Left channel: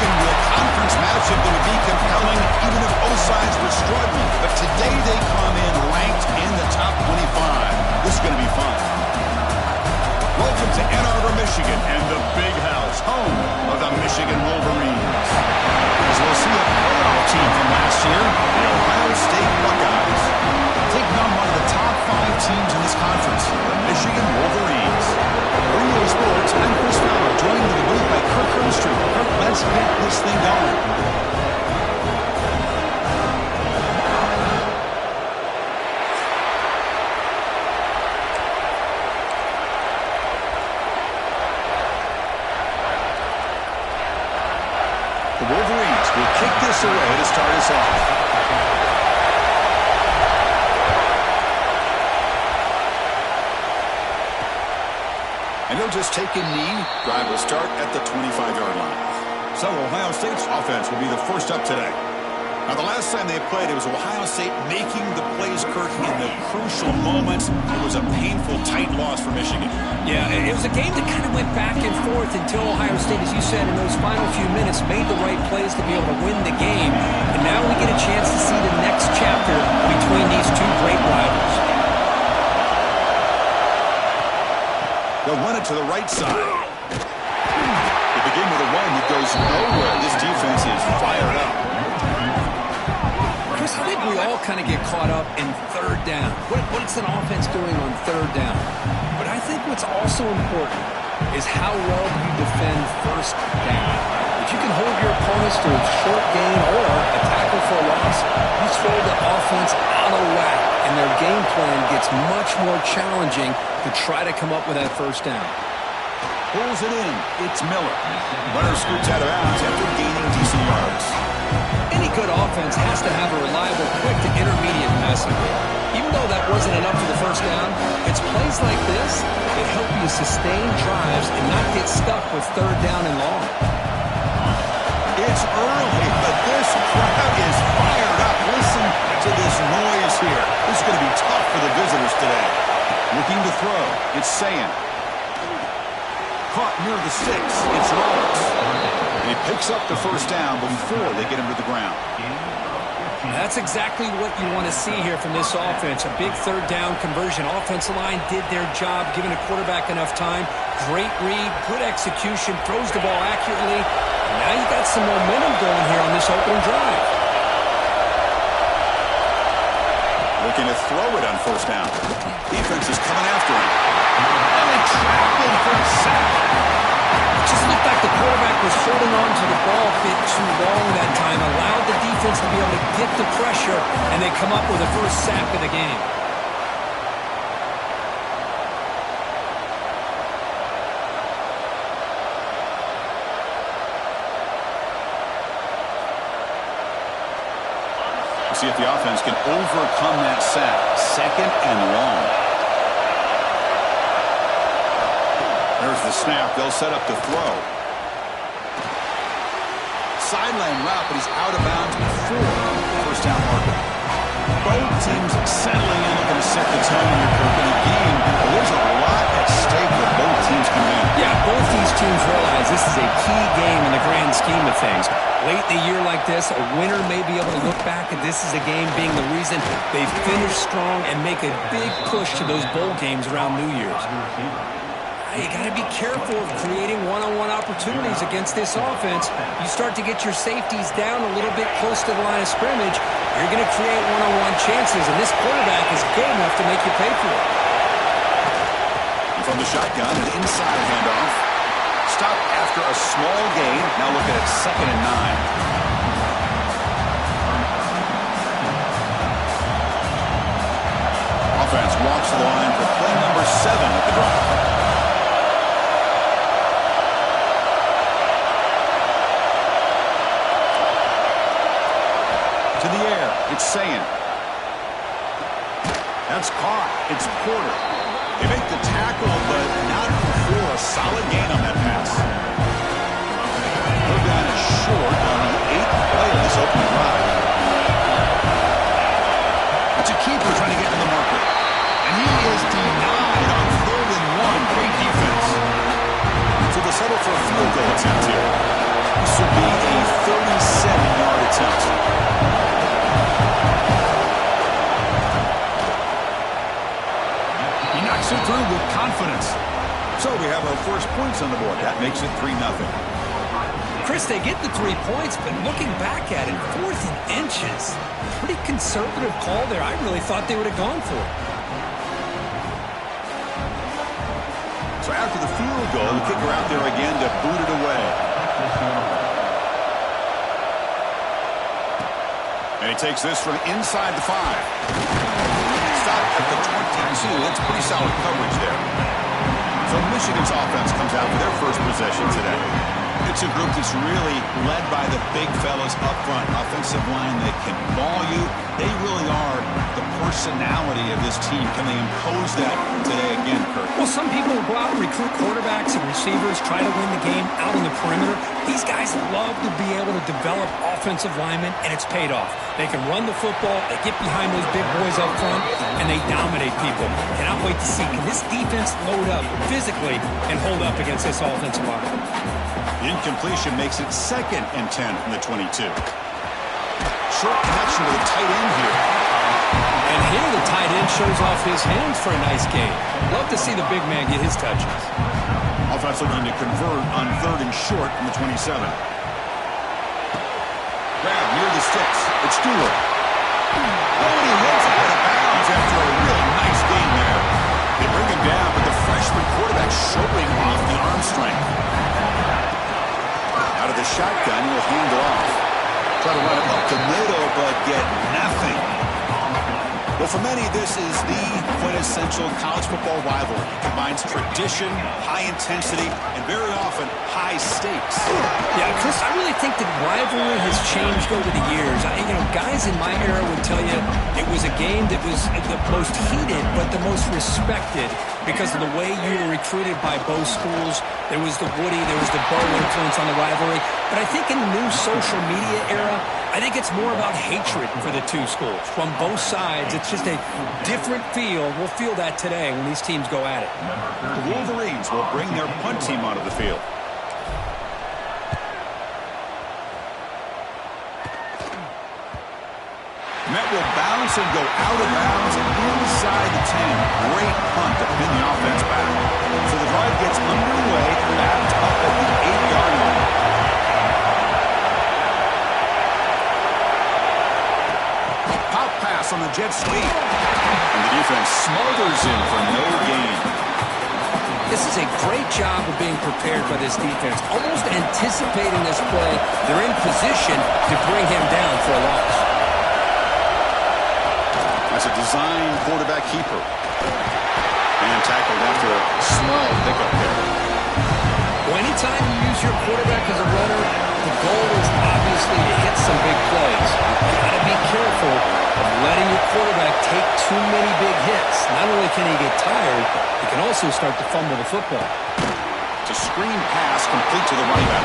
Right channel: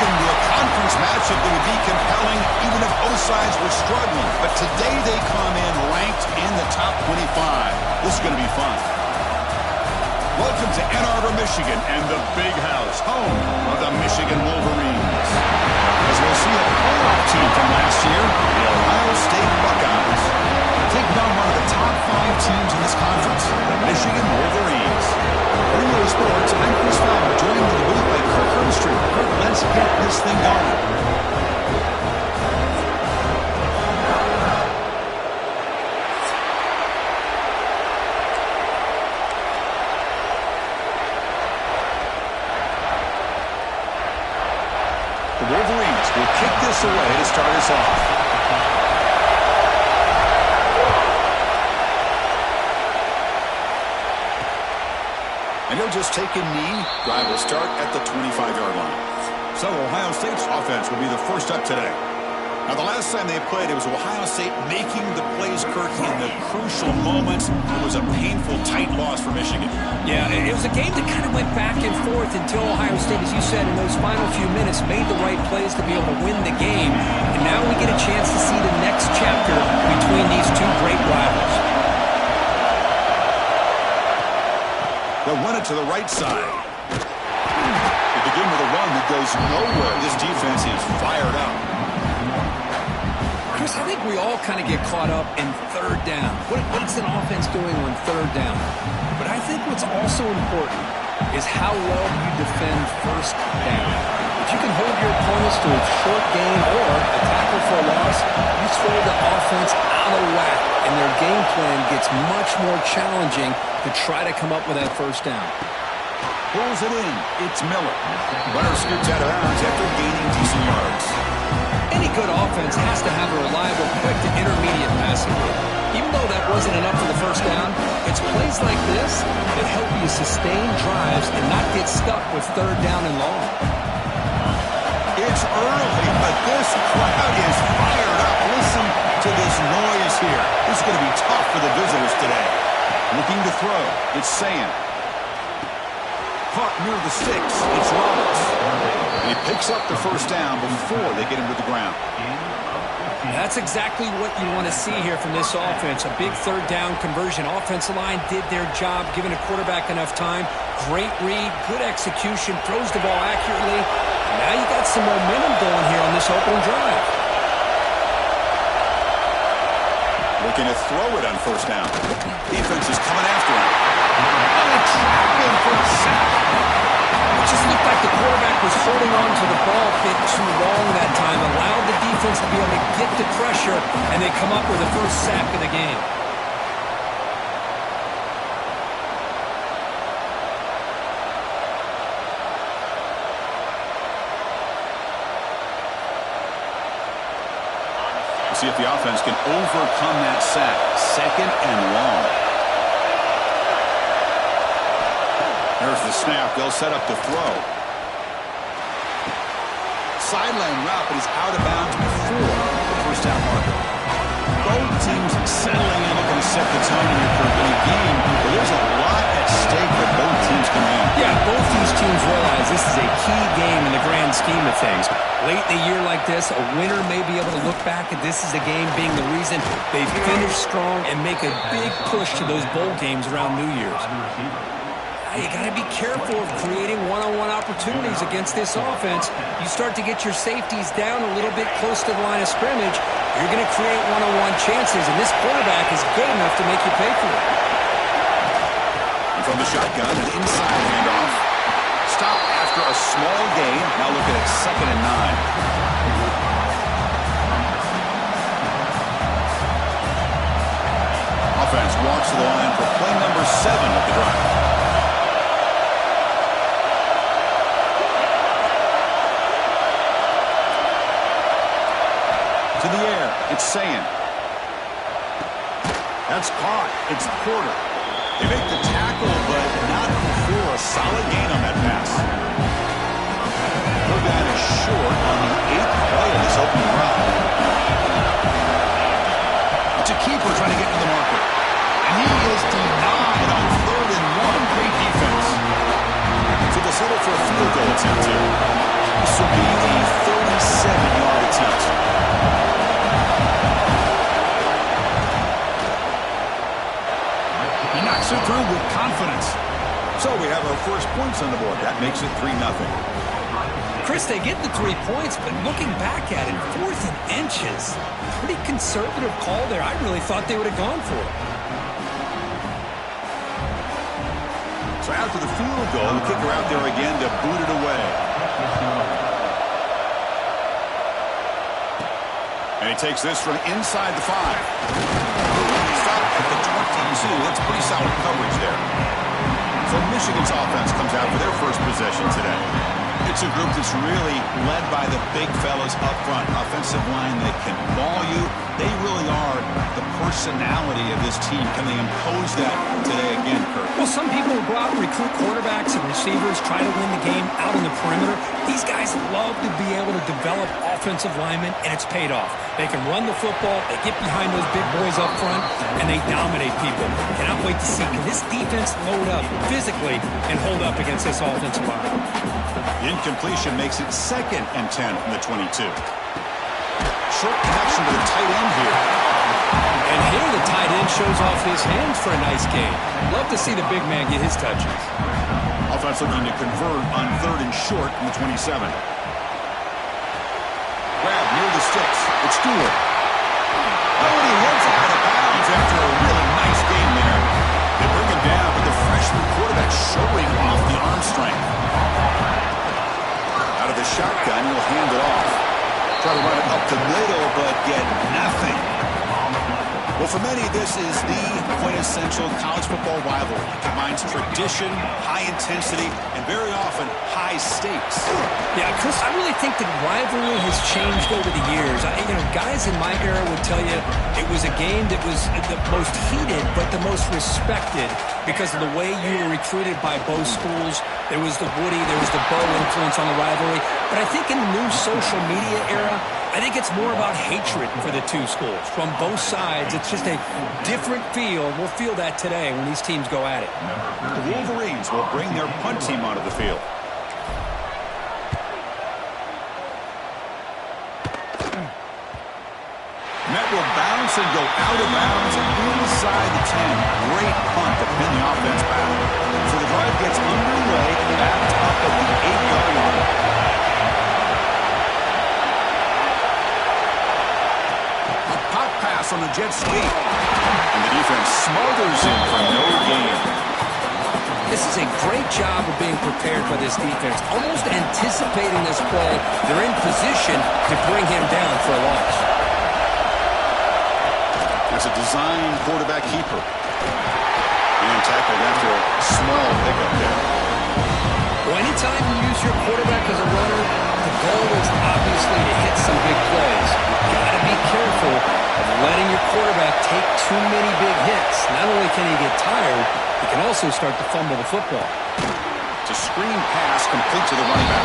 looking to a conference matchup that would be compelling even if both sides were struggling. But today they come in ranked in the top 25. This is going to be fun. Welcome to Ann Arbor, Michigan, and the Big House, home of the Michigan Wolverines. As we'll see a playoff team from last year, the Ohio State Buckeyes. Taking on one of the top 5 teams in this conference, the Michigan Wolverines. For EA Sports, I'm Chris Fowler, joined in the booth by Kirk Herbstreit. Kirk, let's get this thing going. The Wolverines will kick this away to start us off. And he'll just take a knee. Drive will start at the 25-yard line. So Ohio State's offense will be the first up today. Now, the last time they played, it was Ohio State making the plays, Kirk, in the crucial moments. It was a painful, tight loss for Michigan. Yeah, it was a game that kind of went back and forth until Ohio State, as you said, in those final few minutes, made the right plays to be able to win the game. And now we get a chance to see the next chapter between these two great rivals. They'll run it to the right side. They begin with a run that goes nowhere. This defense is fired up. Chris, I think we all kind of get caught up in third down. What's an offense doing on third down? But I think what's also important is how well you defend first down. If you can hold your opponents to a short gain or a tackle for a loss, you throw the offense out of whack, and their game plan gets much more challenging to try to come up with that first down. Pulls it in. It's Miller. Runner scoots out of bounds after gaining decent yards. Any good offense has to have a reliable, quick to intermediate passing game. Even though that wasn't enough for the first down, it's plays like this that help you sustain drives and not get stuck with third down and long. It's early, but this crowd is fired up. Listen to this noise here. This is going to be tough for the visitors today. Looking to throw. It's Ncaa. Caught near the sticks. It's Roberts. And he picks up the first down before they get him to the ground. That's exactly what you want to see here from this offense. A big third down conversion. Offensive line did their job, giving a quarterback enough time. Great read, good execution, throws the ball accurately. And now you got some momentum going here on this opening drive. Looking to throw it on first down. Defense is coming after him. And they trap him for a sack. It just looked like the quarterback was holding on to the ball a bit too long that time, allowed the defense to be able to get the pressure, and they come up with the first sack of the game. See if the offense can overcome that sack. Second and long. There's the snap. They'll set up the throw. Sideline route, but he's out of bounds before the first down marker. Both teams settling in, looking to set the tone in your curve in a game where there's a lot at stake for both teams coming in. Yeah, both these teams realize this is a key game in the grand scheme of things. Late in a year like this, a winner may be able to look back at this as a game being the reason they finish strong and make a big push to those bowl games around New Year's. You got to be careful of creating one-on-one opportunities against this offense. You start to get your safeties down a little bit close to the line of scrimmage, you're going to create one-on-one chances, and this quarterback is good enough to make you pay for it. And from the shotgun, an inside handoff. Stop after a small gain. Now looking at 2nd and 9. Offense walks to the line for play number 7 of the drive. To the air, it's Ncaa. That's caught. It's Porter. They make the tackle, but not before a solid gain on that pass. Third down is short on the 8th play of this opening drive. It's a keeper trying to get to the marker. And he is denied on 3rd and 1. Great defense. So they'll settle for a field goal attempt here. This will be a 37-yard attempt. He knocks it through with confidence. So we have our first points on the board. That makes it 3-0. Chris, they get the 3 points, but looking back at it, 4th and inches. Pretty conservative call there. I really thought they would have gone for it. So after the field goal, the kicker out there again to boot it away. And he takes this from inside the 5. Stop at the 22. That's pretty solid coverage there. So Michigan's offense comes out for their first possession today. It's a group that's really led by the big fellas up front. Offensive line that can ball you. They really are the personality of this team. Can they impose that today again, Kurt? Well, some people will go out and recruit quarterbacks and receivers, try to win the game out on the perimeter. These guys love to be able to develop offensive linemen, and it's paid off. They can run the football, they get behind those big boys up front, and they dominate people. Cannot wait to see, can this defense load up physically and hold up against this offensive line? The incompletion makes it 2nd and 10 from the 22. Short connection to the tight end here. And here the tight end shows off his hands for a nice gain. Love to see the big man get his touches. Offense looking to convert on 3rd and short from the 27. Grab near the sticks. It's Stewart. Oh, and he hits out of bounds after a really nice gain there. They bring him down, but the freshman quarterback showing off the arm strength. Out of the shotgun, he'll hand it off. Try to run it up the middle, but get nothing. Well, for many, this is the quintessential college football rivalry. It combines tradition, high intensity, and very often high stakes. Yeah, Chris, I really think the rivalry has changed over the years. Guys in my era would tell you it was a game that was the most heated, but the most respected because of the way you were recruited by both schools. There was the Woody, there was the Bo influence on the rivalry. But I think in the new social media era, I think it's more about hatred for the two schools. From both sides, it's just a different feel. We'll feel that today when these teams go at it. The Wolverines will bring their punt team onto the field. Met will bounce and go out of bounds inside the 10. Great punt to pin the offense back. So the drive gets underway, backed up at the 8-yard line. A pop pass on the jet sweep. And the defense smothers him for no gain. This is a great job of being prepared by this defense. Almost anticipating this play, they're in position to bring him down for a loss. That's a design quarterback keeper. And tackled after a small pickup there. Well, anytime you use your quarterback as a runner, the goal is obviously to hit some big plays. You've got to be careful of letting your quarterback take too many big hits. Not only can he get tired, he can also start to fumble the football. It's a screen pass complete to the running back.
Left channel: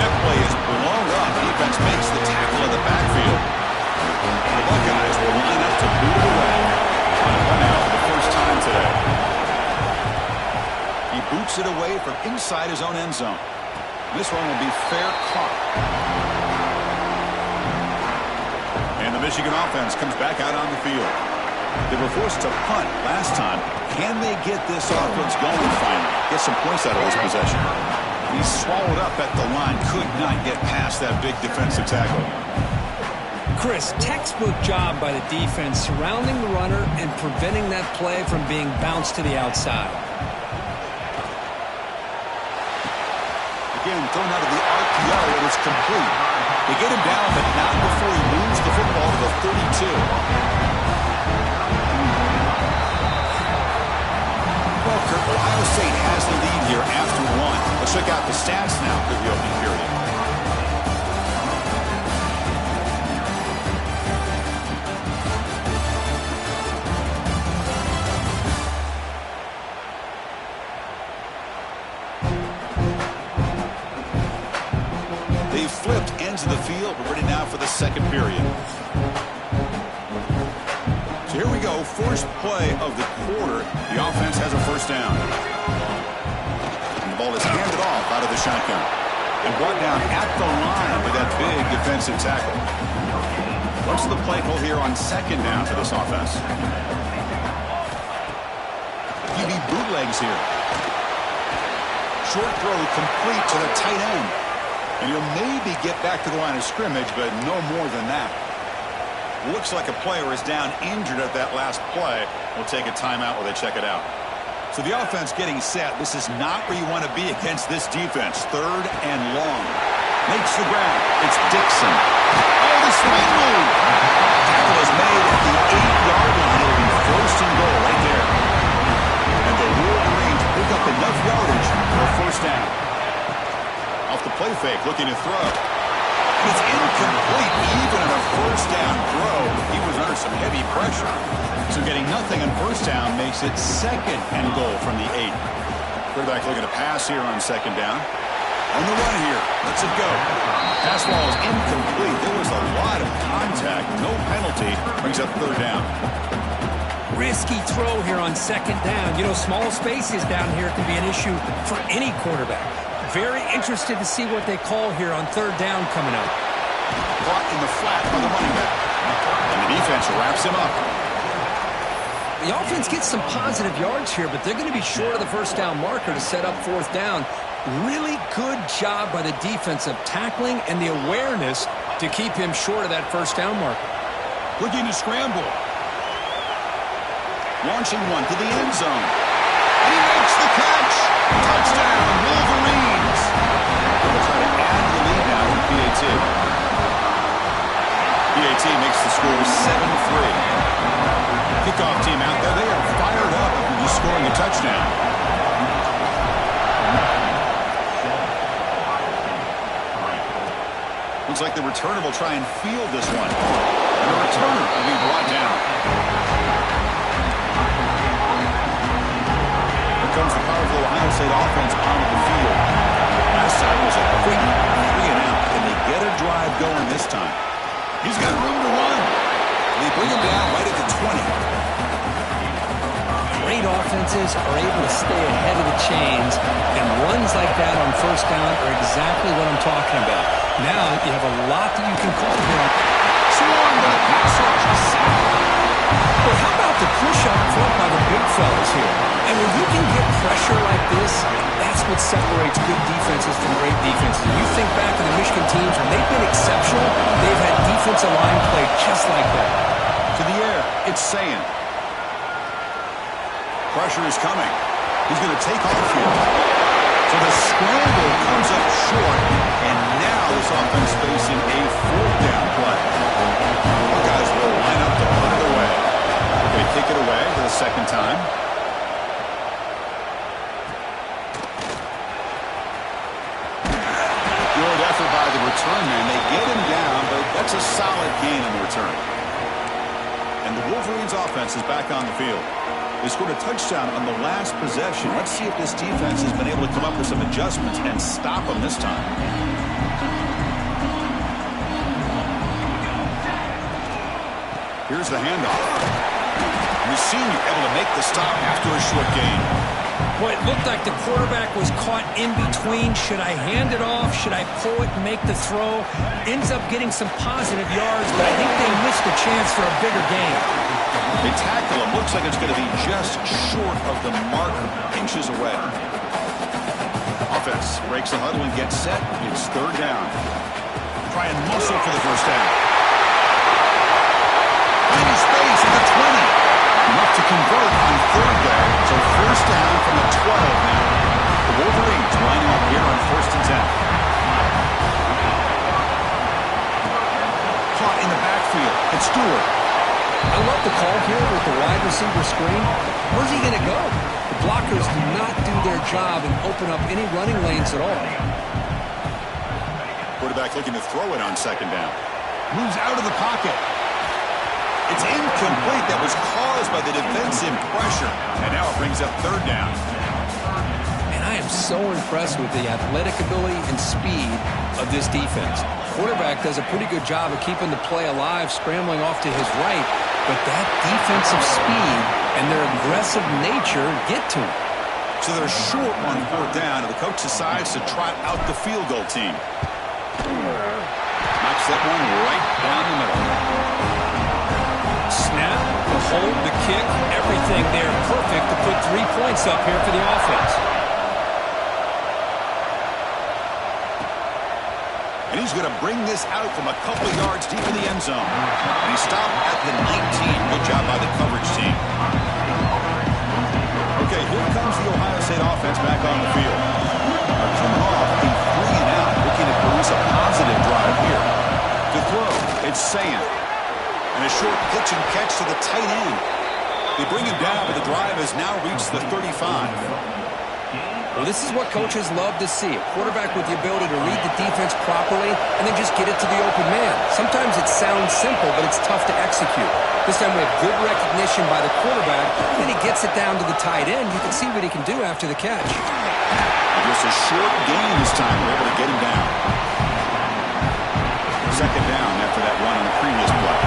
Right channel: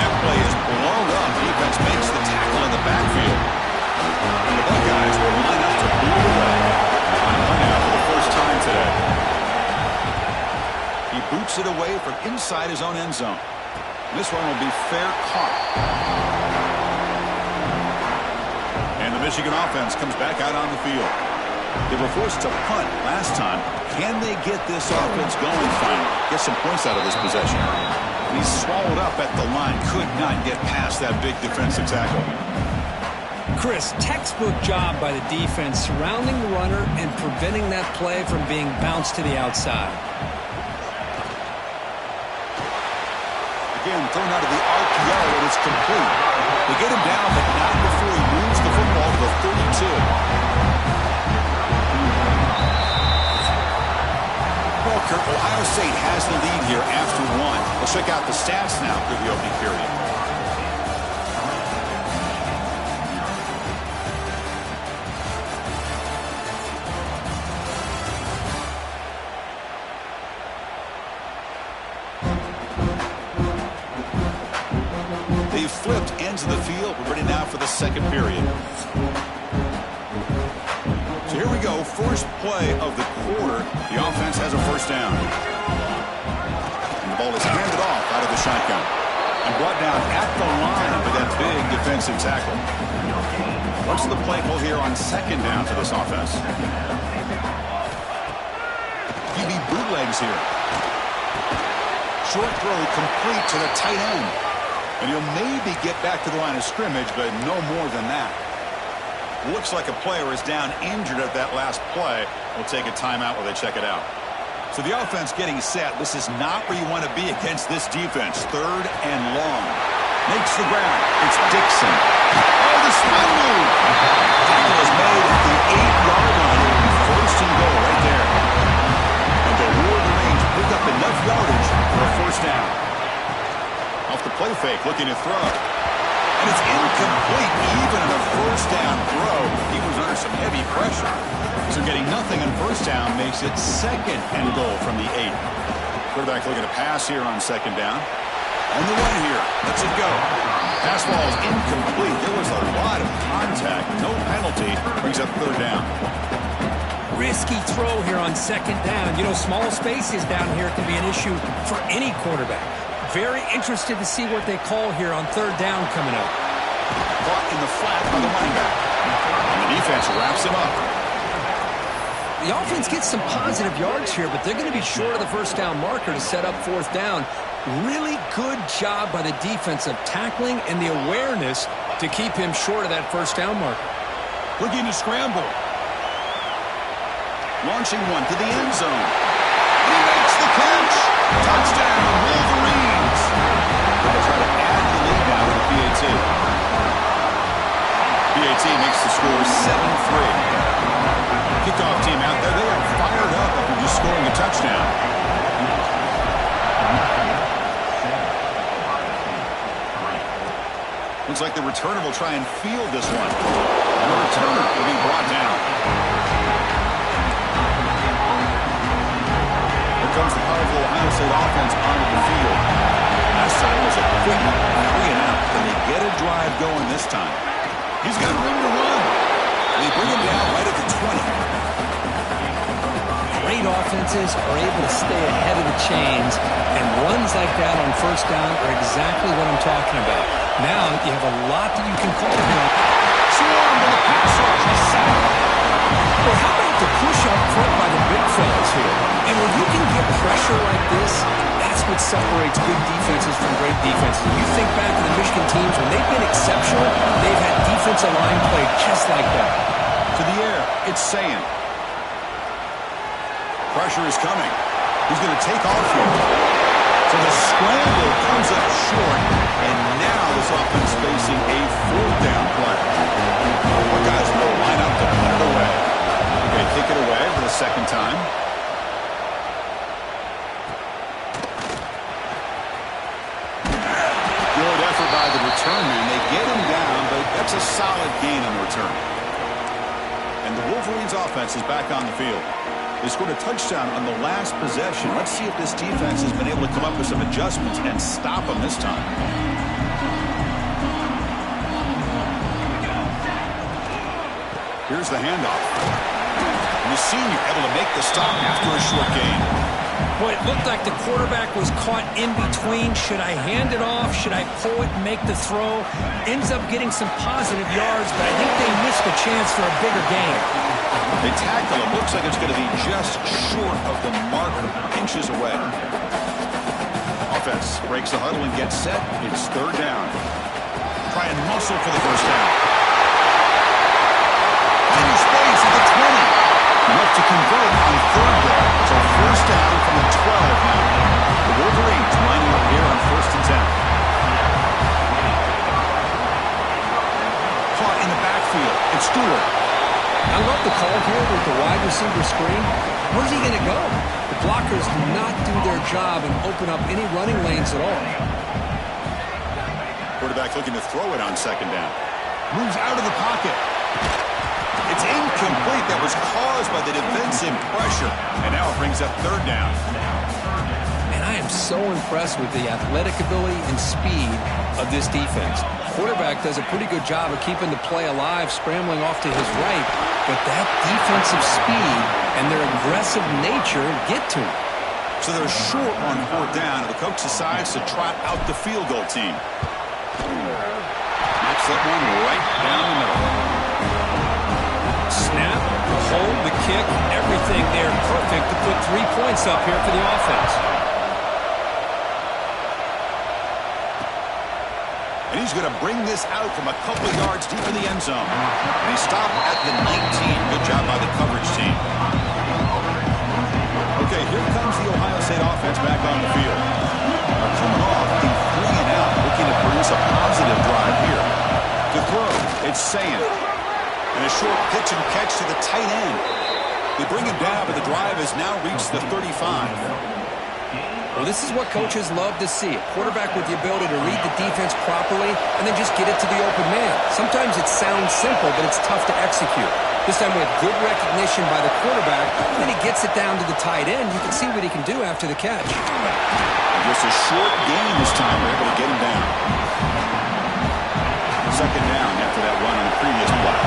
That play is blown up. Defense makes the tackle in the backfield. The Buckeyes will line up to boot it away. On a run out for the first time today. He boots it away from inside his own end zone. This one will be fair caught. And the Michigan offense comes back out on the field. They were forced to punt last time. Can they get this offense going finally? Get some points out of this possession. He's swallowed up at the line. Could not get past that big defensive tackle. Chris, textbook job by the defense surrounding the runner and preventing that play from being bounced to the outside. Again, thrown out of the RPO, and it's complete. They get him down, but not before he moves the football to the 32. Well, Kurt, Ohio State has the lead here after one. Let's check out the stats now for the opening period. They've flipped ends of the field. We're ready now for the second period. So here we go. First play of the quarter. The offense has a first down. And the The ball is handed off out of the shotgun and brought down at the line with that big defensive tackle. What's the play call here on second down for this offense? QB bootlegs here. Short throw complete to the tight end. And he'll maybe get back to the line of scrimmage, but no more than that. Looks like a player is down injured at that last play. We'll take a timeout while they check it out. So the offense getting set. This is not where you want to be against this defense. Third and long. Makes the grab. It's Dixon. Oh, the swing move. Tackle is made at the 8-yard line. It'll be first and goal right there. And the Wolverines pick up enough yardage for a first down. Off the play fake, looking to throw. And it's incomplete. Even on a first down throw, he was under some heavy pressure. So getting nothing on first down makes it second and goal from the 8. Quarterback looking to pass here on second down. On the run here. Lets it go. Pass ball is incomplete. There was a lot of contact. No penalty. Brings up third down. Risky throw here on second down. You know, small spaces down here can be an issue for any quarterback. Very interested to see what they call here on third down coming up. Caught in the flat by the running back. And the defense wraps him up. The offense gets some positive yards here, but they're going to be short of the first down marker to set up fourth down. Really good job by the defense of tackling and the awareness to keep him short of that first down marker. Looking to scramble. Launching one to the end zone. And he makes the catch. Touchdown, Wolverines. They'll try to add the lead now with PAT. PAT makes the score 7-3. Kickoff team out there. They are fired up after just scoring a touchdown. Looks like the returner will try and field this one. And the returner will be brought down. Here comes the powerful Ohio State offense onto the field. Last time was a quick 3-and-out. Can they get a drive going this time? He's got room to run. They bring him down right at the 20. Great offenses are able to stay ahead of the chains, and runs like that on first down are exactly what I'm talking about. Now you have a lot that you can call here. Swarm with a pass rush. Well, how about the push up front by the big fellas here? And when you can get pressure like this, that's what separates good defenses from great defenses. You think back to the Michigan teams, when they've been exceptional, they've had defensive line play just like that. To the air, it's Sayin. Pressure is coming. He's going to take off here. So the scramble comes up short, and now this offense facing a fourth down play. Buckeyes will line up to put it away. They're going to kick it away for the second time. Good effort by the return man. They get him down, but that's a solid gain on the return. And the Wolverines offense is back on the field. They scored a touchdown on the last possession. Let's see if this defense has been able to come up with some adjustments and stop them this time. Here's the handoff. And the senior able to make the stop after a short gain. Boy, it looked like the quarterback was caught in between. Should I hand it off? Should I pull it and make the throw? Ends up getting some positive yards, but I think they missed a chance for a bigger gain. They tackle him. Looks like it's going to be just short of the marker, inches away. Offense breaks the huddle and gets set. It's third down. Try and muscle for the first down. Finding space at the 20. Enough to convert on third there. So first down from the 12 now. The Wolverines lining up here on 1st and 10. Caught in the backfield. It's Stewart. I love the call here with the wide receiver screen. Where's he going to go? The blockers do not do their job and open up any running lanes at all. Quarterback looking to throw it on second down. Moves out of the pocket. It's incomplete. That was caused by the defensive pressure. And now it brings up third down. And I am so impressed with the athletic ability and speed of this defense. Quarterback does a pretty good job of keeping the play alive, scrambling off to his right. But that defensive speed and their aggressive nature get to him. So they're short on 4th down, and the coach decides to trot out the field goal team. Knocks that one right down the middle. Snap, the hold, the kick, everything there perfect to put 3 points up here for the offense. And he's going to bring this out from a couple yards deep in the end zone. And he stopped at the 19. Good job by the coverage team. Okay, here comes the Ohio State offense back on the field. They're coming off a 3-and-out, looking to produce a positive drive here. To throw, it's Ncaa. And a short pitch and catch to the tight end. They bring him down, but the drive has now reached the 35. Well, this is what coaches love to see. A quarterback with the ability to read the defense properly and then just get it to the open man. Sometimes it sounds simple, but it's tough to execute. This time we have good recognition by the quarterback, and then he gets it down to the tight end. You can see what he can do after the catch. Just a short gain this time. We're able to get him down. 2nd down after that run on the previous play.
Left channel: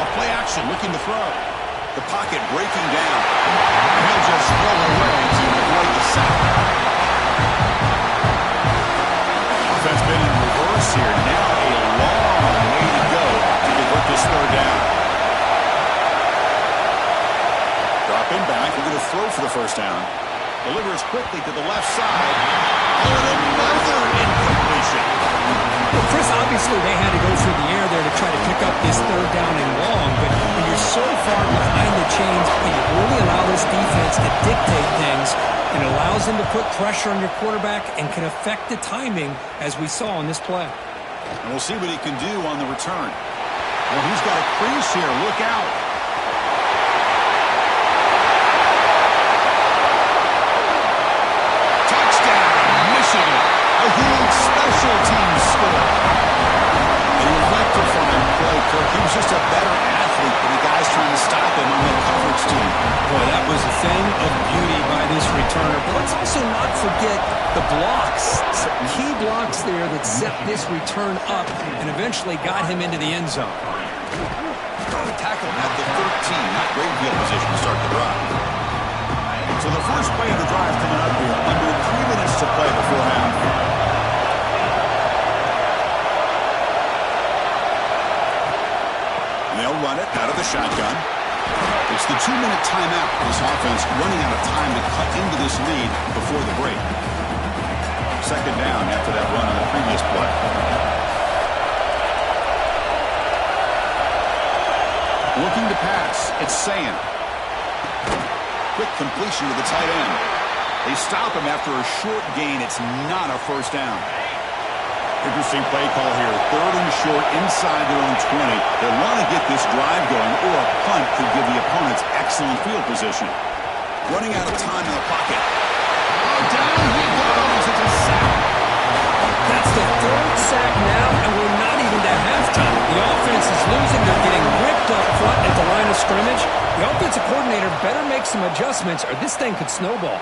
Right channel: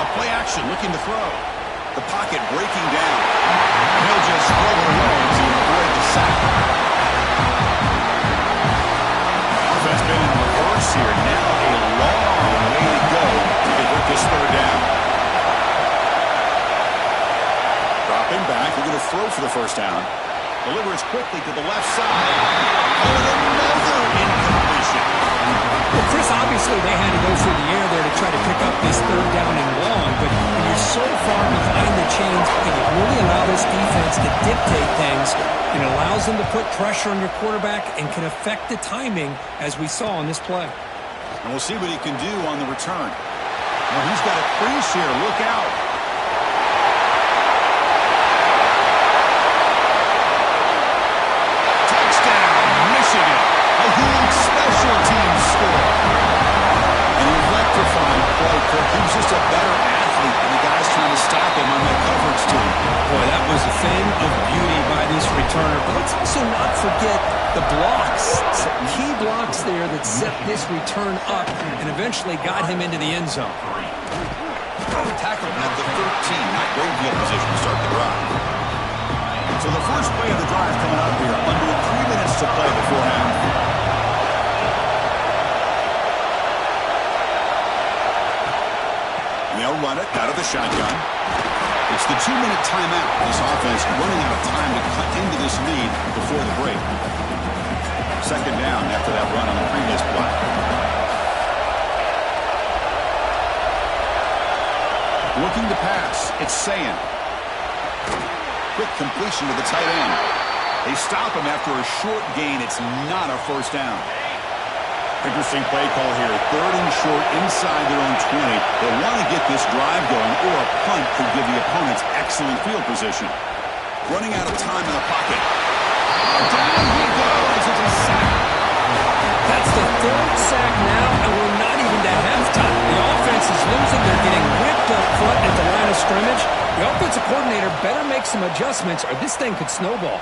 A play action looking to throw. The pocket breaking down. And he'll just throw it away to avoid the sack. Offense been in reverse here. Now a long way to go to convert this 3rd down. Dropping back. They're going to throw for the 1st down. Delivers quickly to the left side. Oh, and another incompletion. Well, Chris, obviously they had to go through the air there to try to pick up this 3rd down and long, but when you're so far behind the chains, you really allow this defense to dictate things, and it allows them to put pressure on your quarterback and can affect the timing, as we saw on this play. And we'll see what he can do on the return. Well, he's got a crease here. Look out. Michigan, a huge special teams score. An electrifying play, Kirk. He was just a better athlete than the guys trying to stop him on that coverage team. Boy, that was a thing of beauty by this returner. But let's also not forget the blocks. Key blocks there that set this return up and eventually got him into the end zone. Tackle at the 13. Not great field position to start the drive. So the first play of the drive coming up here, under 3 minutes to play before half. And they'll run it out of the shotgun. It's the 2-minute timeout. This offense running out of time to cut into this lead before the break. 2nd down after that run on the previous play. Looking to pass. It's Ncaa. Quick completion to the tight end. They stop him after a short gain. It's not a 1st down. Interesting play call here. 3rd and short inside their own 20. They want to get this drive going, or a punt could give the opponents excellent field position. Running out of time in the pocket. Oh, down he goes. It's a sack. That's the 3rd sack now, and we're not even to halftime. The offense is losing. They're getting whipped up front at the line of scrimmage. The offensive coordinator better make some adjustments, or this thing could snowball.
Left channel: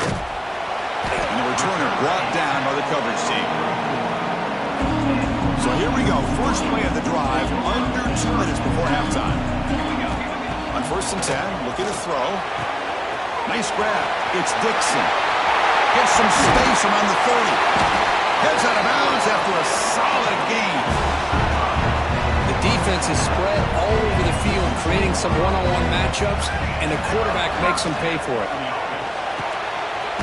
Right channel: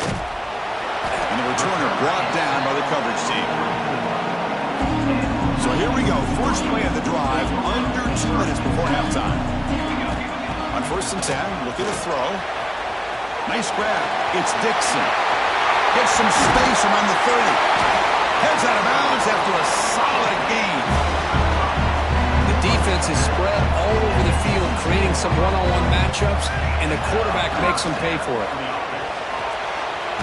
And the returner brought down by the coverage team. So here we go. First play of the drive, under 2 minutes before halftime. On 1st and 10, looking to throw. Nice grab. It's Dixon. Gets some space around the 30. Heads out of bounds after a solid gain. The defense is spread all over the field, creating some one-on-one matchups, and the quarterback makes them pay for it.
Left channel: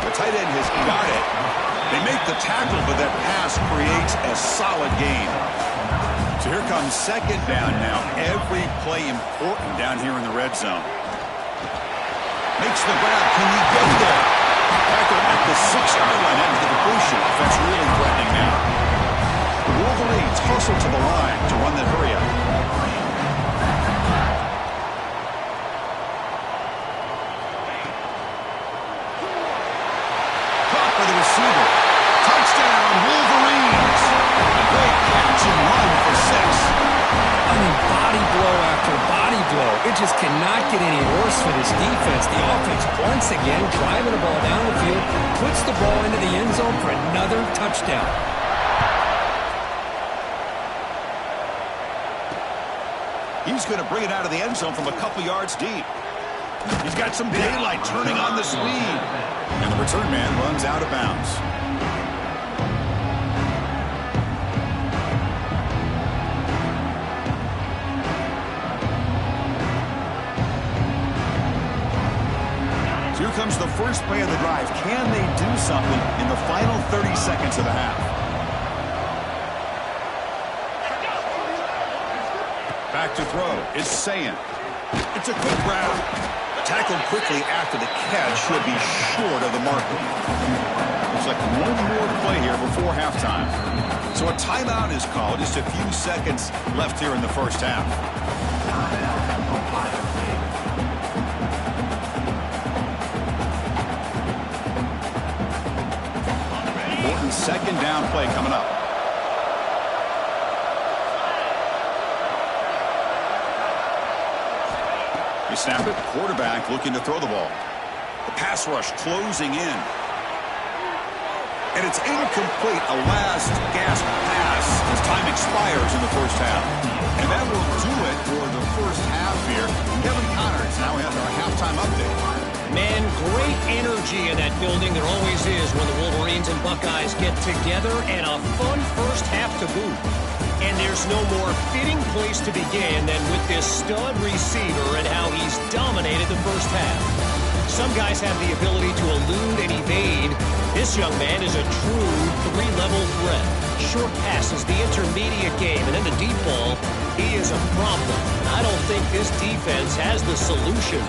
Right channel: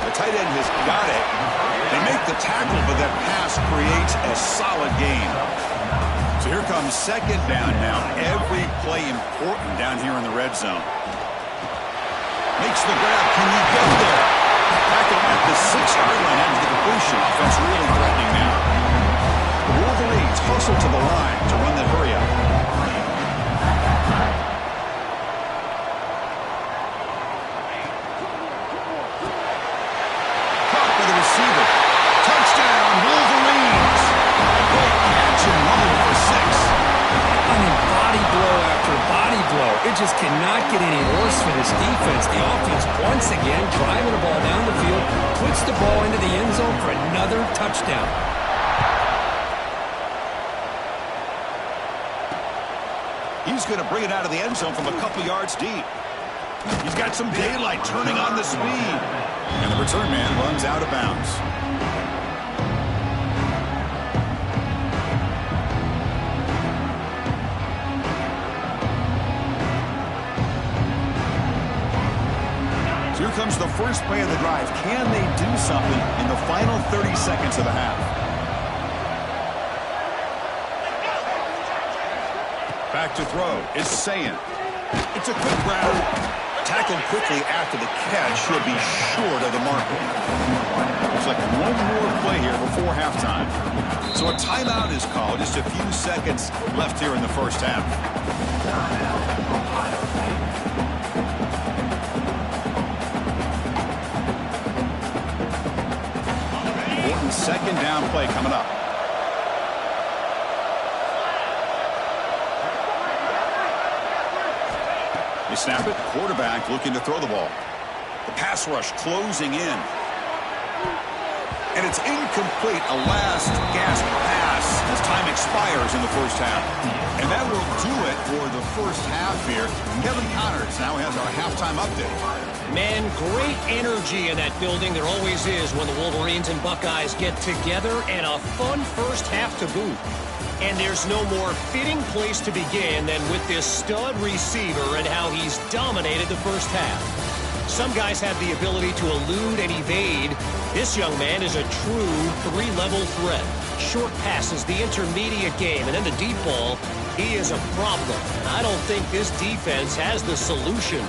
The tight end has got it. They make the tackle, but that pass creates a solid gain. So here comes 2nd down now. Every play important down here in the red zone. Makes the grab. Can he get there? Tackle at the 6-yard line after the completion. Offense really threatening now. The Wolverines hustle to the line to run the hurry up. Caught by the receiver. Touchdown, Wolverines. A great catch and run for 6. I mean, body blow after body blow. It just cannot get any worse for this defense. The offense, once again, driving the ball down the field, puts the ball into the end zone for another touchdown. He's going to bring it out of the end zone from a couple yards deep. He's got some daylight turning on the speed. And the return man runs out of bounds. Here comes the first play of the drive. Can they do something in the final 30 seconds of the half? Back to throw is Ncaa. It's a quick grab. Tackled quickly after the catch. Should be short of the marker. Looks like one more play here before halftime. So a timeout is called. Just a few seconds left here in the first half. Important second down play coming up. They snap it. Quarterback looking to throw the ball. The pass rush closing in. And it's incomplete. A last gasp pass as time expires in the first half. And that will do it for the first half here. Kevin Connors now has our halftime update. Man, great energy in that building. There always is when the Wolverines and Buckeyes get together, and a fun first half to boot. And there's no more fitting place to begin than with this stud receiver and how he's dominated the first half. Some guys have the ability to elude and evade. This young man is a true three-level threat. Short passes, the intermediate game, and then the deep ball, he is a problem. And I don't think this defense has the solution.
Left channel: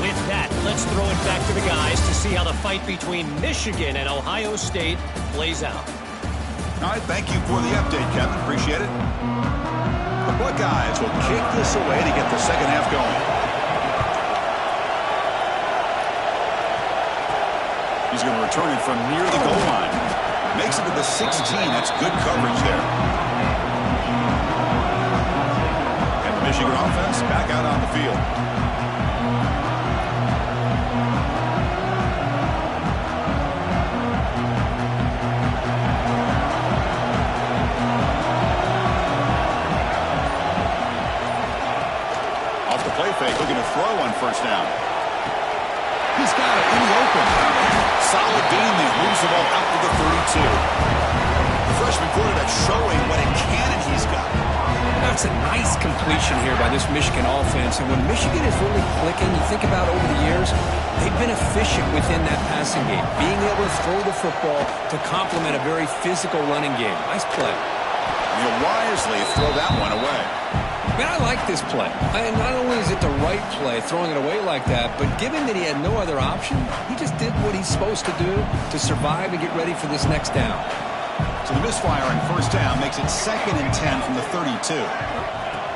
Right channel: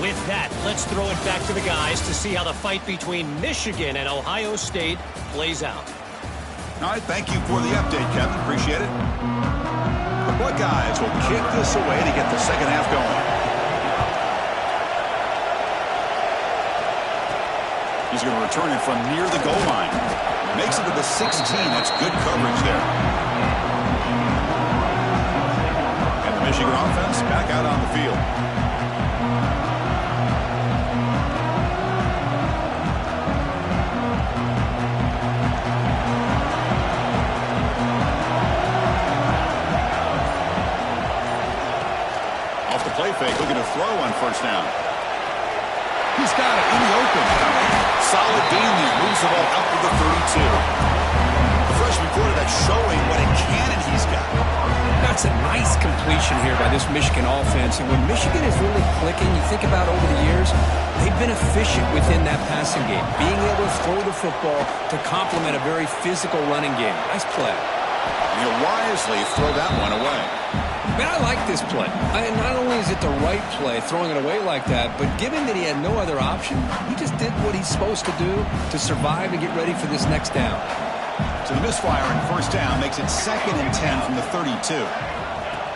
With that, let's throw it back to the guys to see how the fight between Michigan and Ohio State plays out. All right, thank you for the update, Kevin. Appreciate it. The Buckeyes will kick this away to get the second half going. He's going to return it from near the goal line. Makes it to the 16. That's good coverage there. And the Michigan offense back out on the field. Play fake, looking to throw on first down. He's got it in the open. Solid gain there. Moves the ball out to the 32. The freshman quarterback showing what a cannon he's got. That's a nice completion here by this Michigan offense. And when Michigan is really clicking, you think about over the years, they've been efficient within that passing game. Being able to throw the football to complement a very physical running game. Nice play. And he'll wisely throw that one away. Man, I like this play. Not only is it the right play, throwing it away like that, but given that he had no other option, he just did what he's supposed to do to survive and get ready for this next down. So the misfire on first down makes it 2nd and 10 from the 32.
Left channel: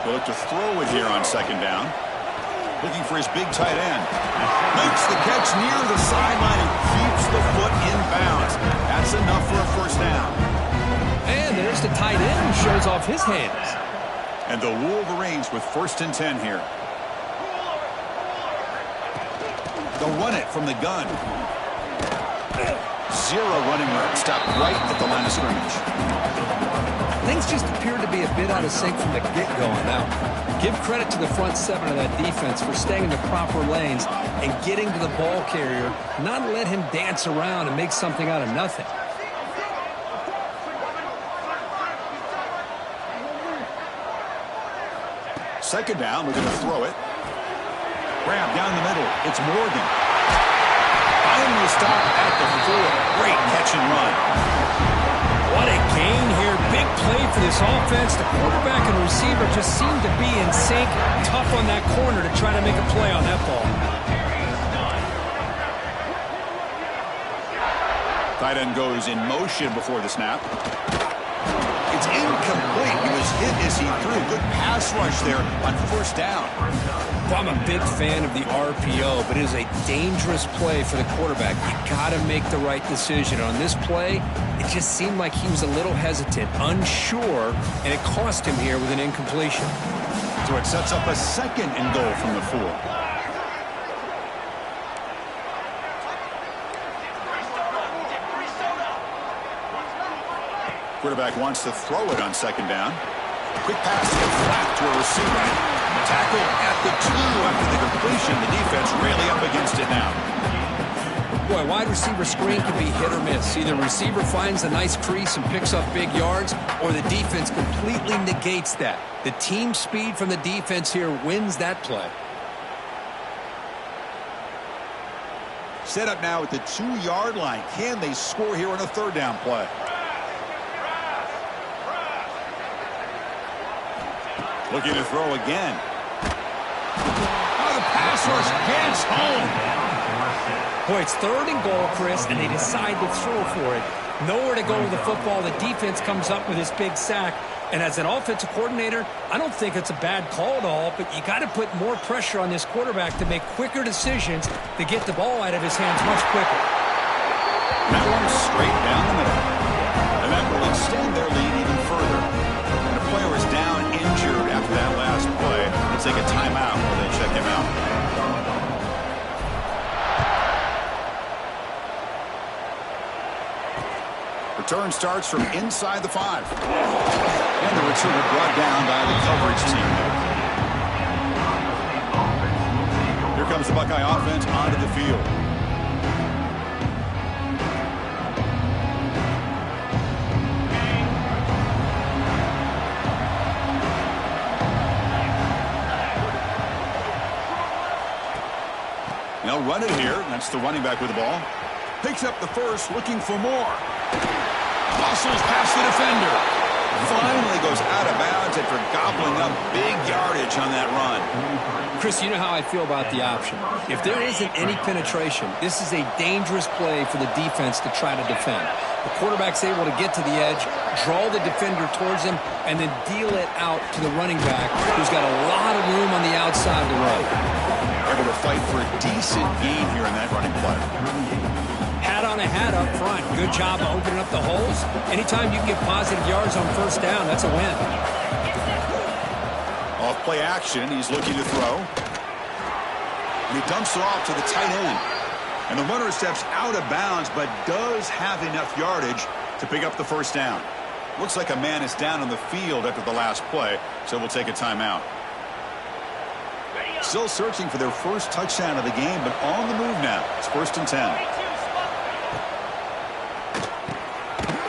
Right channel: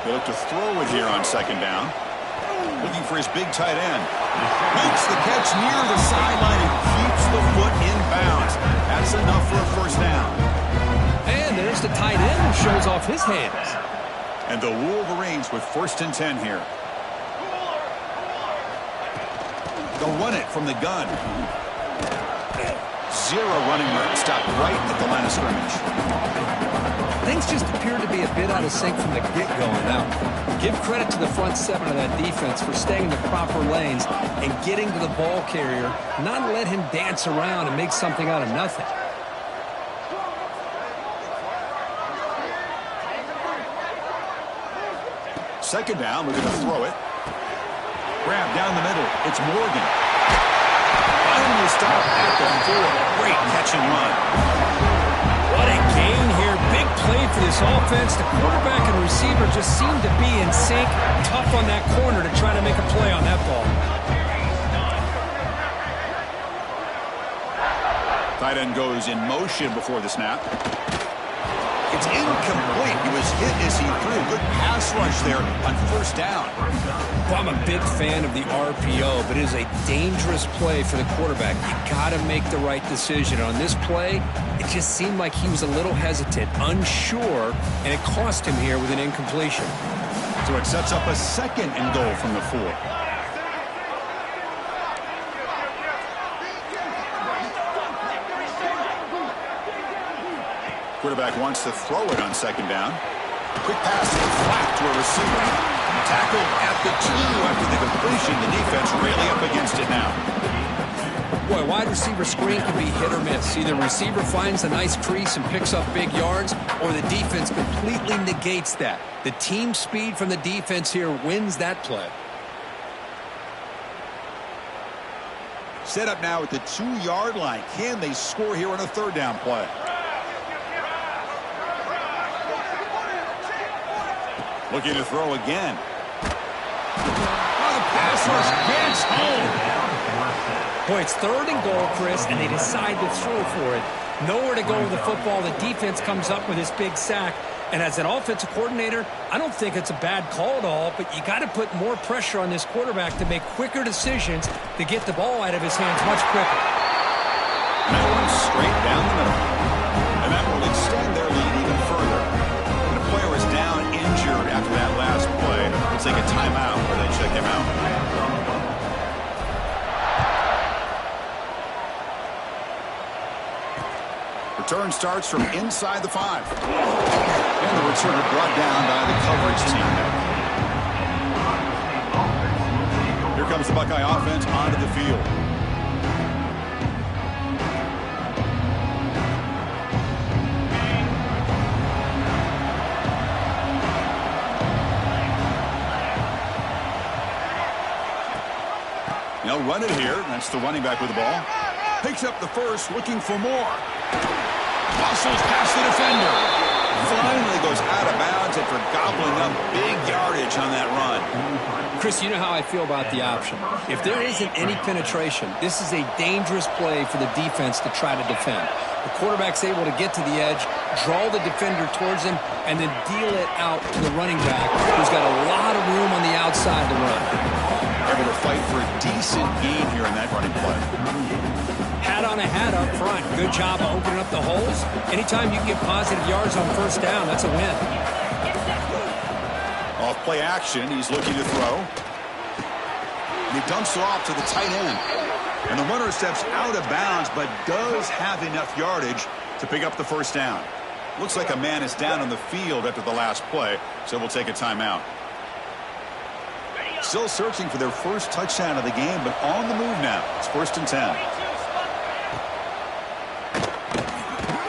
They'll look to throw it here on second down. Looking for his big tight end. Makes the catch near the sideline and keeps the foot in bounds. That's enough for a first down. And there's the tight end who shows off his hands. And the Wolverines with 1st and 10 here. They'll run it from the gun. Zero running room. Stopped right at the line of scrimmage. Things just appeared to be a bit out of sync from the get-go on that one. Give credit to the front seven of that defense for staying in the proper lanes and getting to the ball carrier, not let him dance around and make something out of nothing. Second down, looking to throw it. Grab down the middle. It's Morgan. Finally stopped at the 4. Great catch and run. What a gain here. Big play for this offense. The quarterback and receiver just seem to be in sync. Tough on that corner to try to make a play on that ball. Tight end goes in motion before the snap. It's incomplete. He was hit as he threw. Good pass rush there on first down. Well, I'm a big fan of the RPO, but it is a dangerous play for the quarterback. You got to make the right decision. On this play, it just seemed like he was a little hesitant, unsure, and it cost him here with an incompletion. So it sets up a 2nd and goal from the 4. Quarterback wants to throw it on second down. Quick pass flat to a receiver. Tackled at the 2 after the completion. The defense really up against it now. Boy, wide receiver screen can be hit or miss. Either the receiver finds a nice crease and picks up big yards, or the defense completely negates that. The team speed from the defense here wins that play. Set up now at the 2-yard line. Can they score here on a third down play? Looking to throw again. Oh, the pass rush gets home. Boy, it's 3rd and goal, Chris, and they decide to throw for it. Nowhere to go with the football. The defense comes up with this big sack. And as an offensive coordinator, I don't think it's a bad call at all, but you got to put more pressure on this quarterback to make quicker decisions to get the ball out of his hands much quicker. And that one straight down the middle. And that will extend their lead even further. And a player is down injured after that last play. Let's take a timeout where they check him out. Return starts from inside the 5. And the returner brought down by the coverage team. Here comes the Buckeye offense onto the field. They'll run it here. That's the running back with the ball. Picks up the first, looking for more. Muscles past the defender. Finally goes out of bounds after gobbling up big yardage on that run. Chris, you know how I feel about the option. If there isn't any penetration, this is a dangerous play for the defense to try to defend. The quarterback's able to get to the edge, draw the defender towards him, and then deal it out to the running back, who's got a lot of room on the outside to run. Able to fight for a decent gain here in that running play. Hat on a hat up front. Good job of opening up the holes. Anytime you can get positive yards on first down, that's a win. Off play action, he's looking to throw. And he dumps it off to the tight end. And the runner steps out of bounds, but does have enough yardage to pick up the first down. Looks like a man is down on the field after the last play, so we'll take a timeout. Still searching for their first touchdown of the game, but on the move now. It's 1st and 10.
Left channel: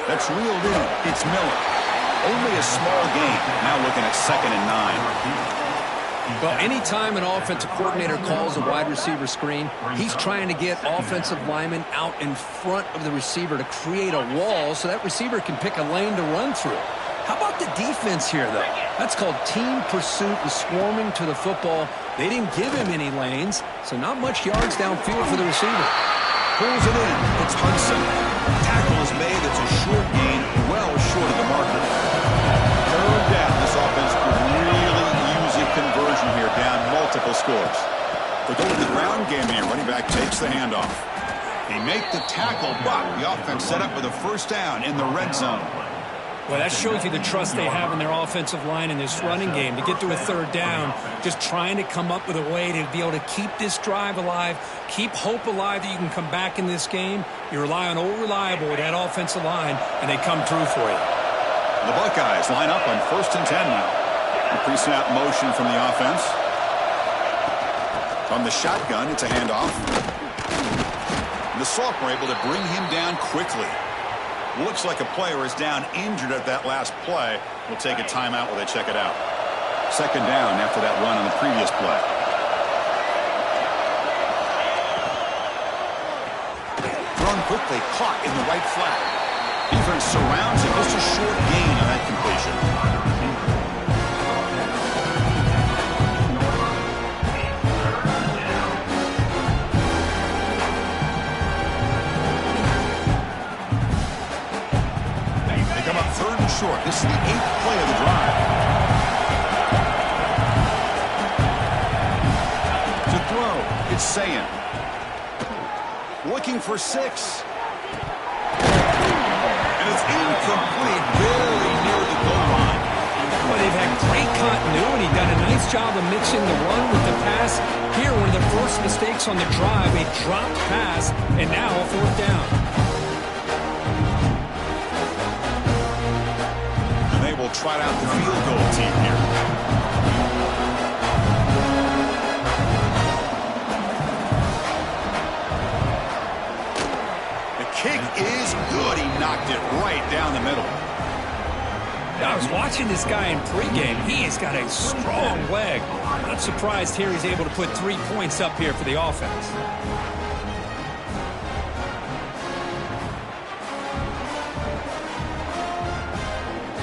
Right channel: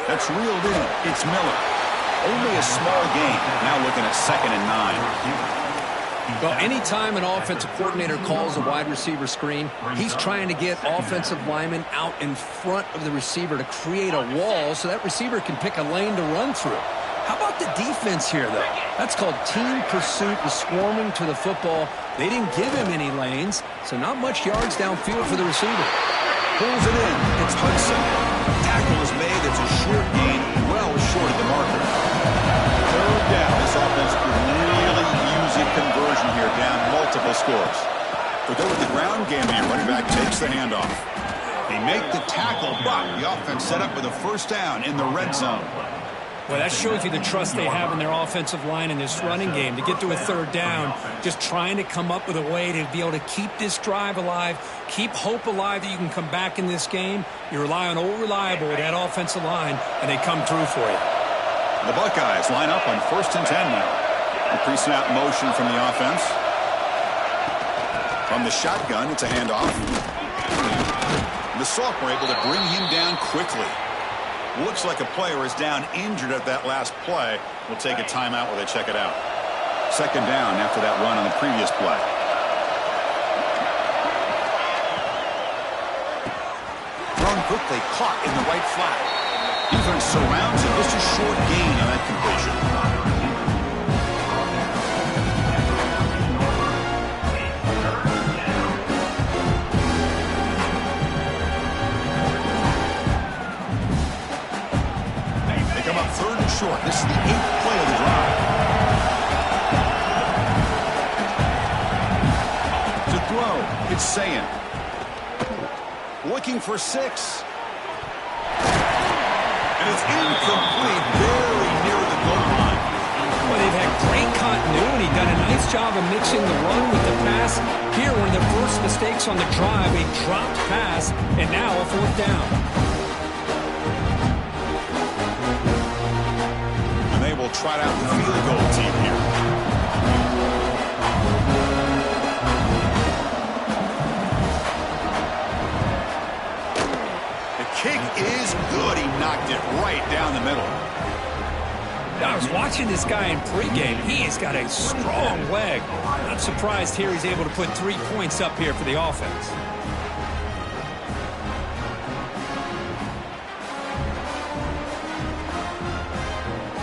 That's reeled in. It's Miller. Only a small gain. Now looking at 2nd and 9. Well, anytime an offensive coordinator calls a wide receiver screen, he's trying to get offensive linemen out in front of the receiver to create a wall so that receiver can pick a lane to run through. How about the defense here, though? That's called team pursuit and swarming to the football. They didn't give him any lanes, so not much yards downfield for the receiver. Pulls it in. It's Hudson. Tackle is made. It's a short gain, well short of the marker. 3rd down. This offense could really use a conversion here, down multiple scores. They'll go with the ground game here. Running back takes the handoff. They make the tackle, but the offense set up with a first down in the red zone. Well, that shows you the trust they have in their offensive line in this running game. To get to a 3rd down, just trying to come up with a way to be able to keep this drive alive, keep hope alive that you can come back in this game. You rely on old reliable with that offensive line, and they come through for you. The Buckeyes line up on 1st and 10 now. The pre-snap motion from the offense. From the shotgun, it's a handoff. The sophomore able to bring him down quickly. Looks like a player is down injured at that last play. We'll take a timeout while they check it out. 2nd down after that run on the previous play. Thrown quickly, caught in the right flat. Defense surrounds him. Just a short gain on that completion. Come up 3rd and short. This is the 8th play of the drive. To throw, it's Sayan. Looking for 6. And it's incomplete, very near the goal line. Well, they've had great continuity, done a nice job of mixing the run with the pass. Here, one of their first mistakes on the drive, a dropped pass, and now a 4th down. Will trot out the field goal team here. The kick is good. He knocked it right down the middle. I was watching this guy in pregame. He has got a strong leg. Not surprised here he's able to put 3 points up here for the offense.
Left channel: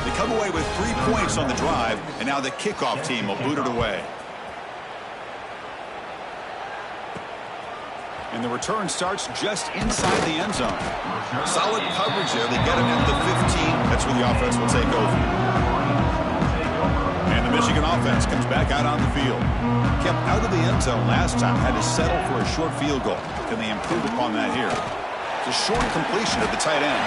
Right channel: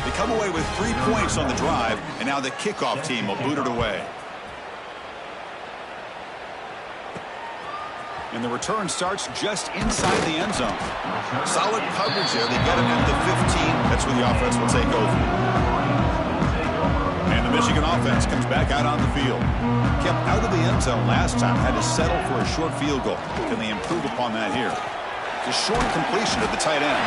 They come away with 3 points on the drive, and now the kickoff team will boot it away. And the return starts just inside the end zone. Solid coverage there. They get him at the 15. That's where the offense will take over. And the Michigan offense comes back out on the field. Kept out of the end zone last time. Had to settle for a short field goal. Can they improve upon that here? It's a short completion of the tight end.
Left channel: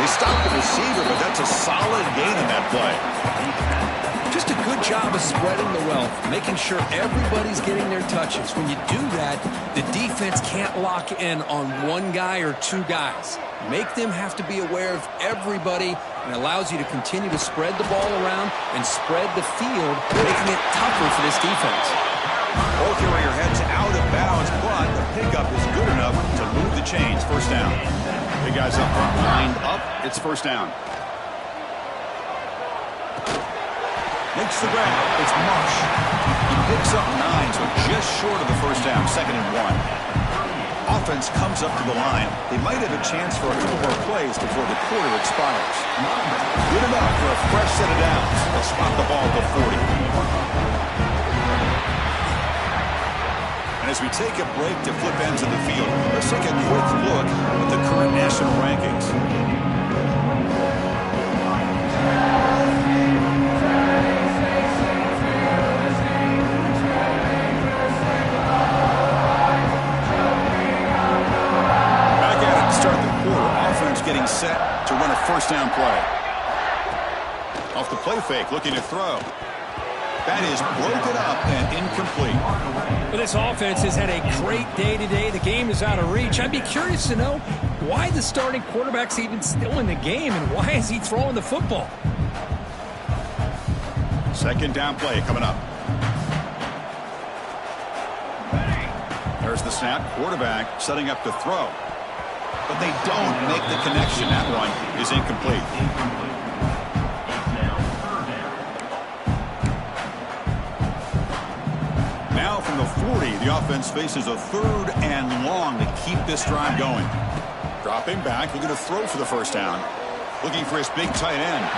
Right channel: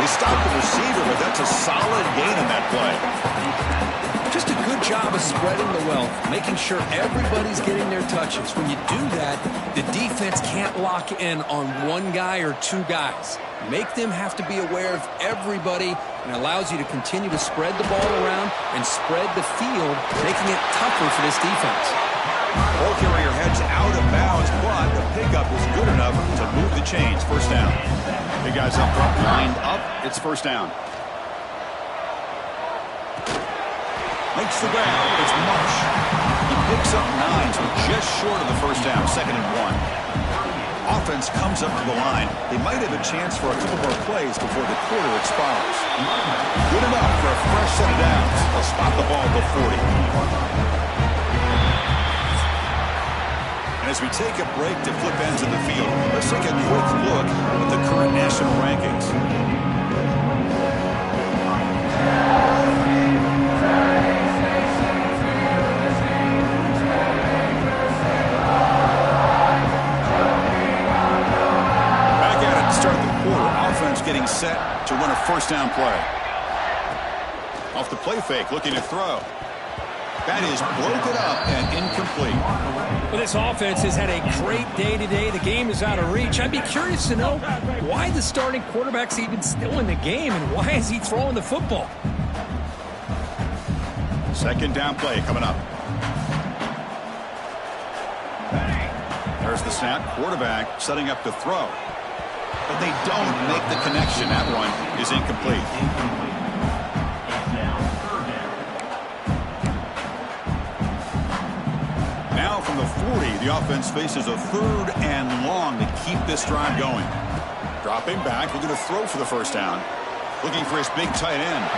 They stopped the receiver, but that's a solid gain in that play. Just a good job of spreading the wealth, making sure everybody's getting their touches. When you do that, the defense can't lock in on one guy or two guys. Make them have to be aware of everybody, and allows you to continue to spread the ball around and spread the field, making it tougher for this defense. Ball carrier heads out of bounds, but the pickup is good enough to move the chains. First down. Big guys up front lined up. It's first down. Makes the grab. It's Marsh. He picks up 9, so just short of the first down. 2nd and 1. Offense comes up to the line. They might have a chance for a couple more plays before the quarter expires. Good enough for a fresh set of downs. They'll spot the ball at the 40. And as we take a break to flip ends of the field, let's take a quick look at the current national rankings. Getting set to run a first down play. Off the play fake, looking to throw. That is broken up and incomplete. Well, this offense has had a great day today. The game is out of reach. I'd be curious to know why the starting quarterback's even still in the game, and why is he throwing the football? Second down play coming up. There's the snap. Quarterback setting up to throw. But they don't make the connection. That one is incomplete. Now from the 40, the offense faces a 3rd and long to keep this drive going. Dropping back, looking to throw for the first down. Looking for his big tight end.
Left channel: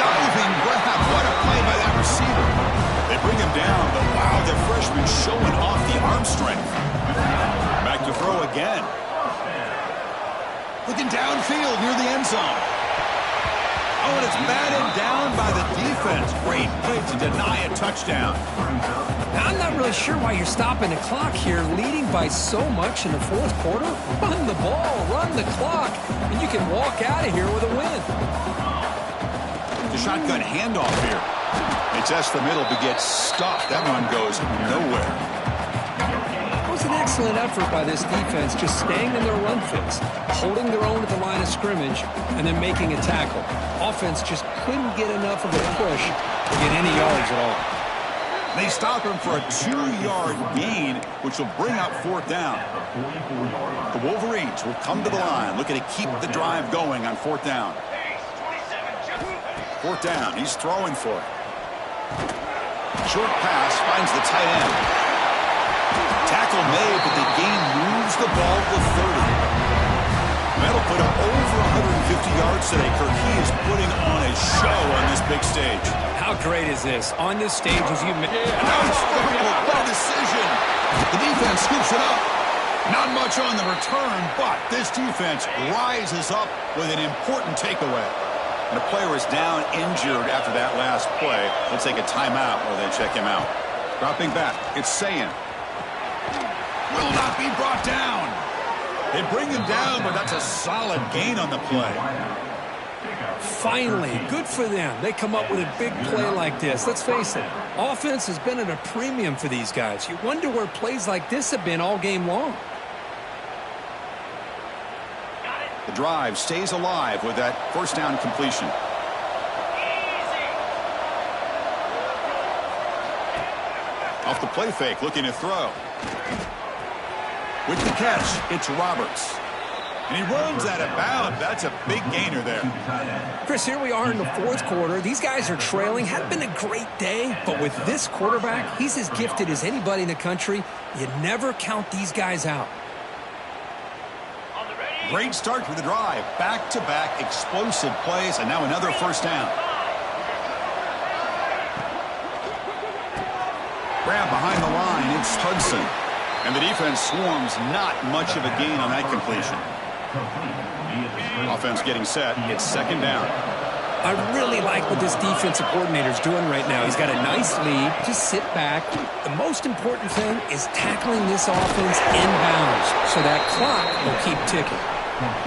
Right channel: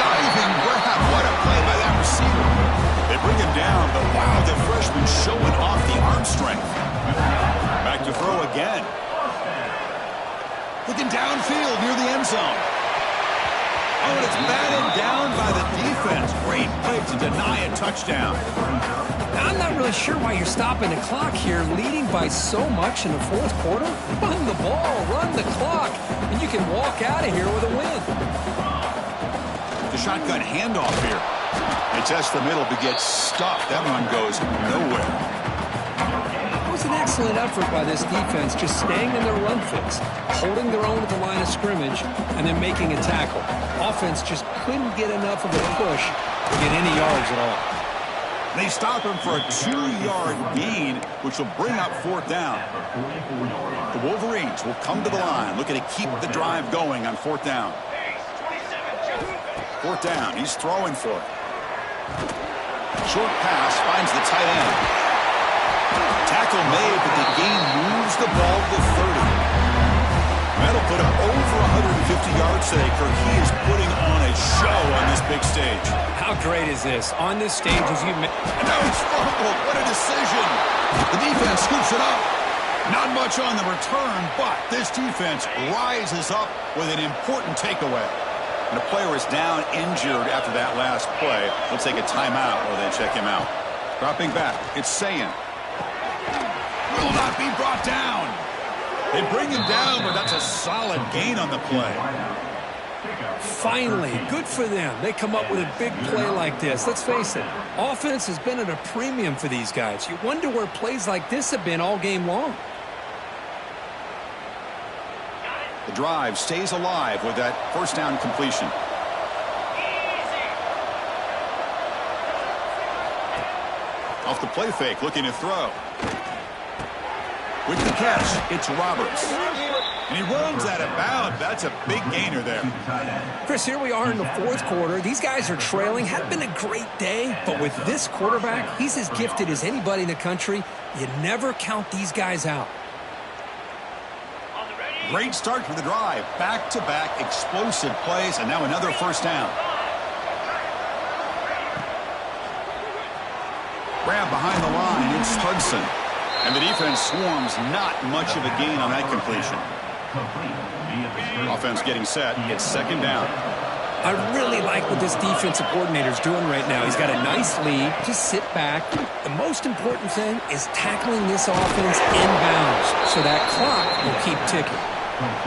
Diving grab. What a play by that receiver. They bring him down, but wow, the freshman showing off the arm strength. Back to throw again. Looking downfield near the end zone. Oh, and it's batted down by the defense. Great play to deny a touchdown. I'm not really sure why you're stopping the clock here, leading by so much in the 4th quarter. Run the ball, run the clock, and you can walk out of here with a win. The shotgun handoff here. It tests the middle but gets stopped. That one goes nowhere. It was an excellent effort by this defense, just staying in their run fix, holding their own at the line of scrimmage, and then making a tackle. Offense just couldn't get enough of a push to get any yards at all. They stop him for a 2-yard gain, which will bring up 4th down. The Wolverines will come to the line, looking to keep the drive going on 4th down. 4th down, he's throwing for it. Short pass finds the tight end. Tackle made, but the gain moves the ball to 30. That'll put him over 150 yards today, Kirk. He is putting on a show on this big stage. How great is this? On this stage, as you mentioned. And now he's fumbled. What a decision. The defense scoops it up. Not much on the return, but this defense rises up with an important takeaway. And a player is down injured after that last play. They'll take a timeout while they check him out. Dropping back, it's Ncaa. Will not be brought down. They bring him down, but that's a solid gain on the play. Finally, good for them. They come up with a big play like this. Let's face it, offense has been at a premium for these guys. You wonder where plays like this have been all game long. The drive stays alive with that first down completion. Off the play fake, looking to throw. With the catch, it's Roberts. And he runs out of bounds. That's a big gainer there. Chris, here we are in the fourth quarter. These guys are trailing. Hadn't been a great day, but with this quarterback, he's as gifted as anybody in the country. You never count these guys out. Great start for the drive. Back-to-back explosive plays, and now another first down. Grab behind the line, it's Hudson. And the defense swarms, not much of a gain on that completion. Offense getting set, it's second down. I really like what this defensive coordinator's doing right now. He's got a nice lead. Just sit back. The most important thing is tackling this offense inbounds so that clock will keep ticking.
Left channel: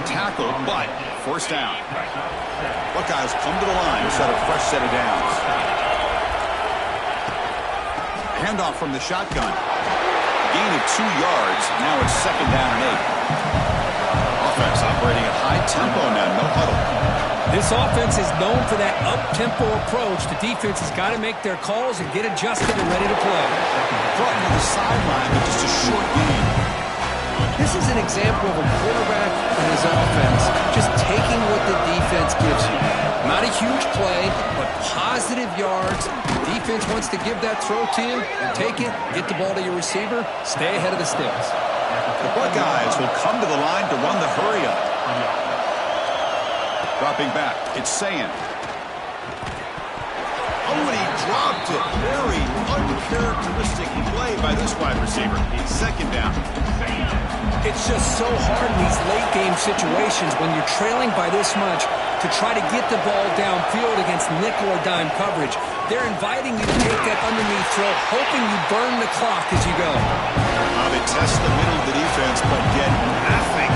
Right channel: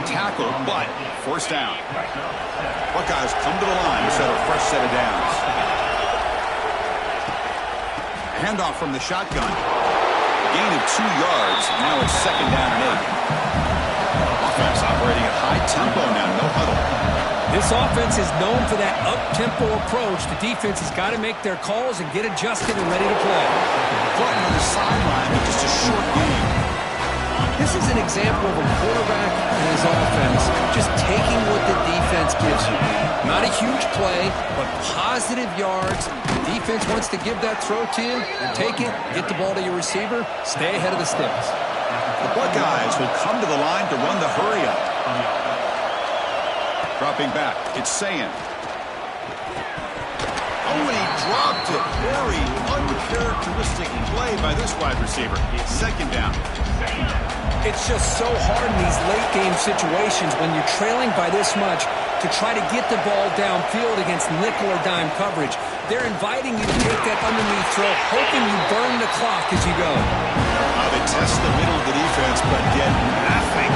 Tackle, but first down. Buckeyes come to the line to set a fresh set of downs. Handoff from the shotgun. Gain of 2 yards. Now it's second down and 8. Offense operating at high tempo now. No huddle. This offense is known for that up-tempo approach. The defense has got to make their calls and get adjusted and ready to play. Brought to the sideline with just a short game. This is an example of a quarterback and his offense just taking what the defense gives you. Not a huge play, but positive yards. The defense wants to give that throw to you. You take it, get the ball to your receiver, stay ahead of the sticks. The Buckeyes will come to the line to run the hurry-up. Dropping back, it's Ncaa. Oh, and he dropped it. Very uncharacteristic play by this wide receiver. Second down. It's just so hard in these late-game situations when you're trailing by this much to try to get the ball downfield against nickel or dime coverage. They're inviting you to take that underneath throw, hoping you burn the clock as you go. They test the middle of the defense, but get nothing.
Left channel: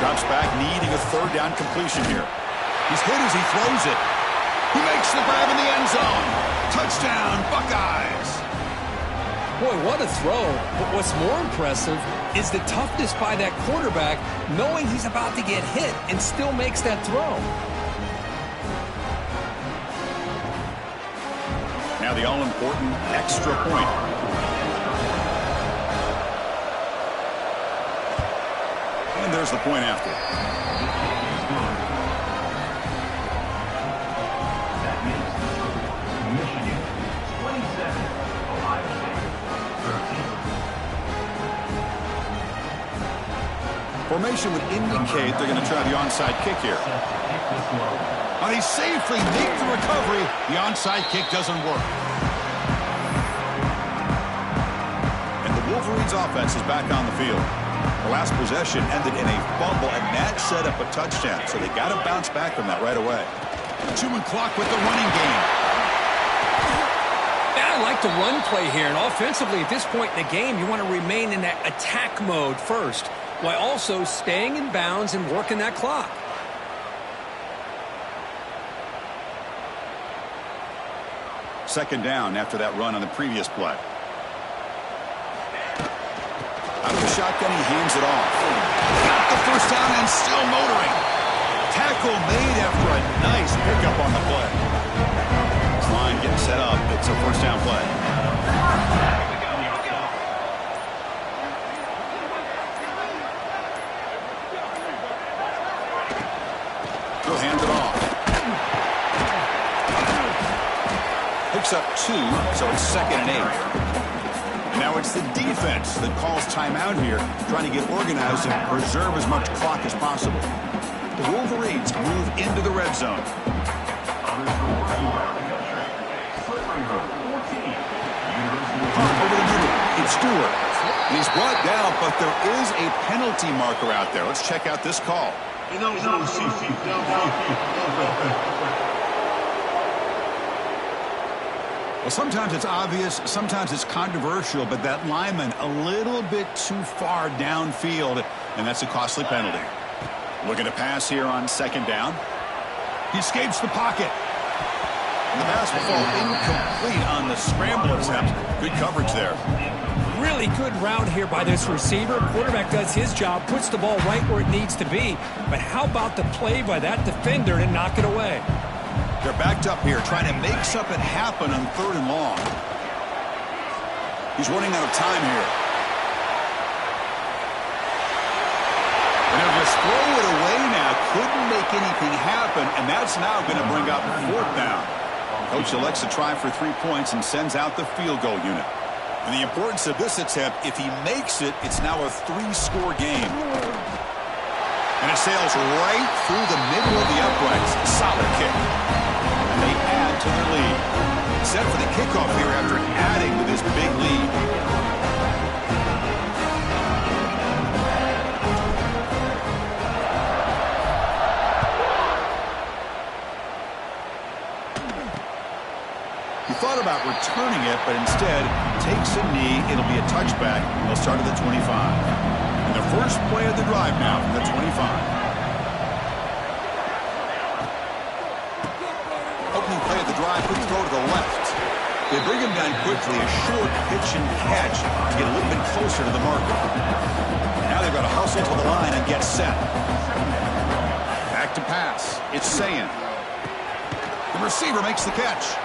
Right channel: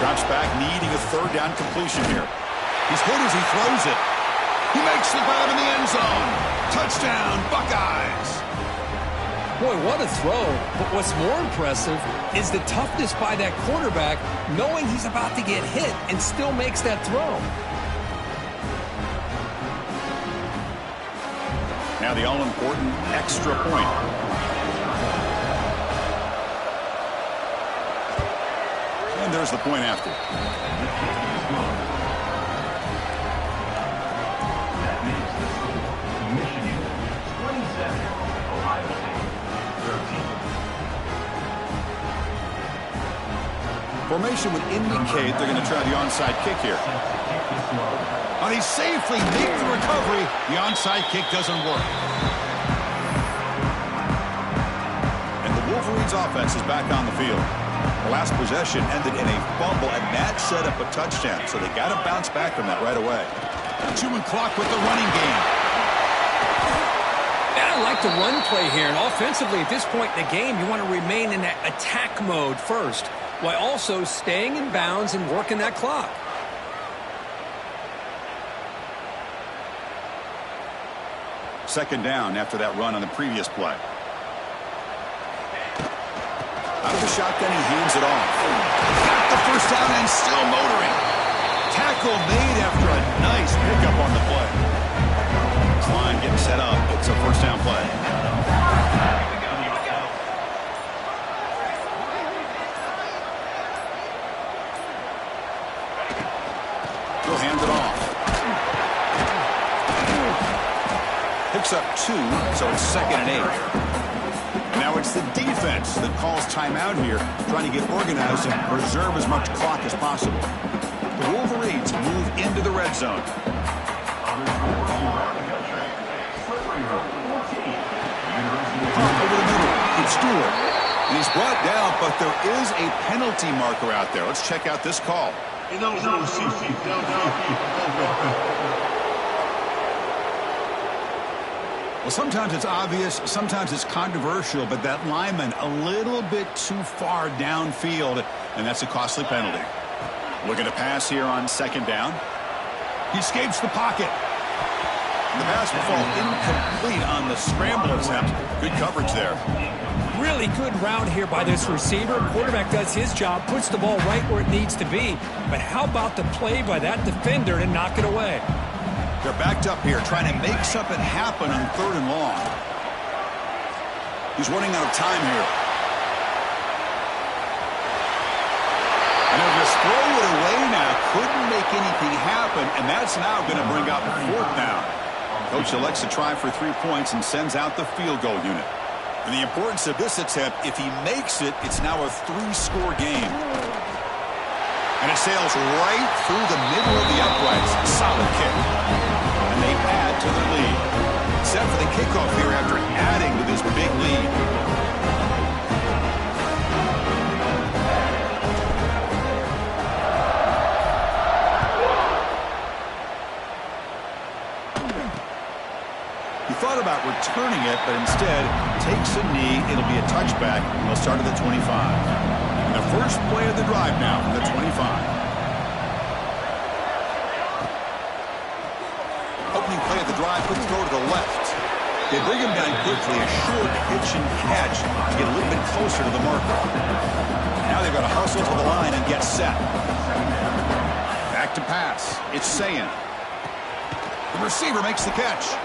Drops back, needing a third down completion here. He's hit as he throws it. He makes the grab in the end zone. Touchdown, Buckeyes. Boy, what a throw. But what's more impressive is the toughness by that quarterback, knowing he's about to get hit and still makes that throw. Now the all-important extra point. And there's the point after. That makes the score Michigan 27, Ohio State 13. Formation would indicate they're going to try the onside kick here. And he safely makes the recovery. The onside kick doesn't work. And the Wolverines offense is back on the field. The last possession ended in a fumble, and that set up a touchdown. So they got to bounce back from that right away. 2-minute clock with the running game. I like the run play here, and offensively at this point in the game, you want to remain in that attack mode first, while also staying in bounds and working that clock. Second down after that run on the previous play. Out of the shotgun, he hands it off. Got the first down and still motoring. Tackle made after a nice pickup on the play. This line getting set up. It's a first down play. He'll hand it off. Picks up 2, so it's second and 8. And now it's the defense that calls timeout here, trying to get organized and preserve as much clock as possible. The Wolverines move into the red zone. Pump over the middle. It's Stewart. And he's brought down, but there is a penalty marker out there. Let's check out this call. Well, sometimes it's obvious, sometimes it's controversial, but that lineman a little bit too far downfield, and that's a costly penalty. Looking to pass here on second down. He escapes the pocket. And the pass will fall incomplete on the scramble attempt. Good coverage there. Really good route here by this receiver. Quarterback does his job, puts the ball right where it needs to be. But how about the play by that defender to knock it away? They're backed up here, trying to make something happen on 3rd and long. He's running out of time here. And he'll just throw it away now. Couldn't make anything happen, and that's now going to bring up 4th down. Coach elects to try for 3 points and sends out the field goal unit. And the importance of this attempt, if he makes it, it's now a 3-score game. And it sails right through the middle of the uprights. Solid kick. And they add to their lead. Set for the kickoff here after adding to this big lead. He thought about returning it, but instead takes a knee. It'll be a touchback. They'll start at the 25. And the first play of the drive now from the 25. Opening play of the drive, quick throw to the left. They bring him down quickly, a short pitch and catch to get a little bit closer to the marker. Now they've got to hustle to the line and get set. Back to pass. It's Ncaa. The receiver makes the catch.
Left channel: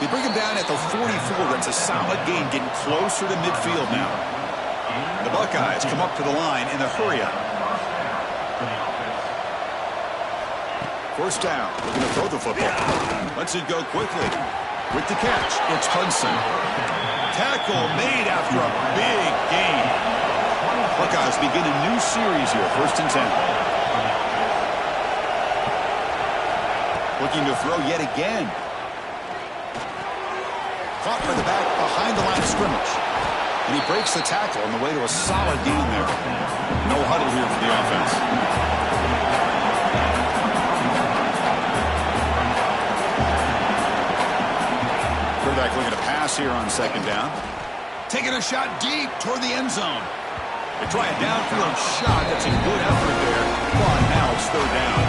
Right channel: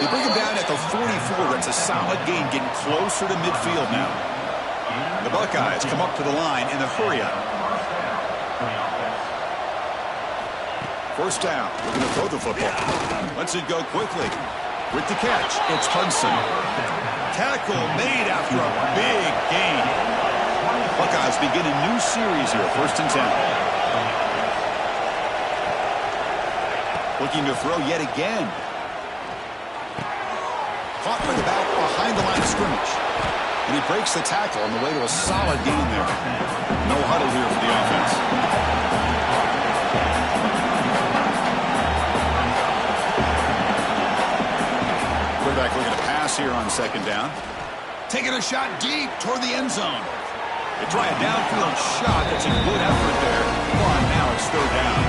They bring him down at the 44. That's a solid gain, getting closer to midfield now. The Buckeyes come up to the line in the hurry-up. First down. Looking to throw the football. Lets it go quickly. With the catch, it's Hudson. Tackle made after a big gain. Buckeyes begin a new series here. 1st and 10. Looking to throw yet again. Caught by the back behind the line of scrimmage. And he breaks the tackle on the way to a solid gain there. No huddle here for the offense. Quarterback looking to pass here on 2nd down. Taking a shot deep toward the end zone. They try a downfield shot. That's a good effort there. But now it's 3rd down.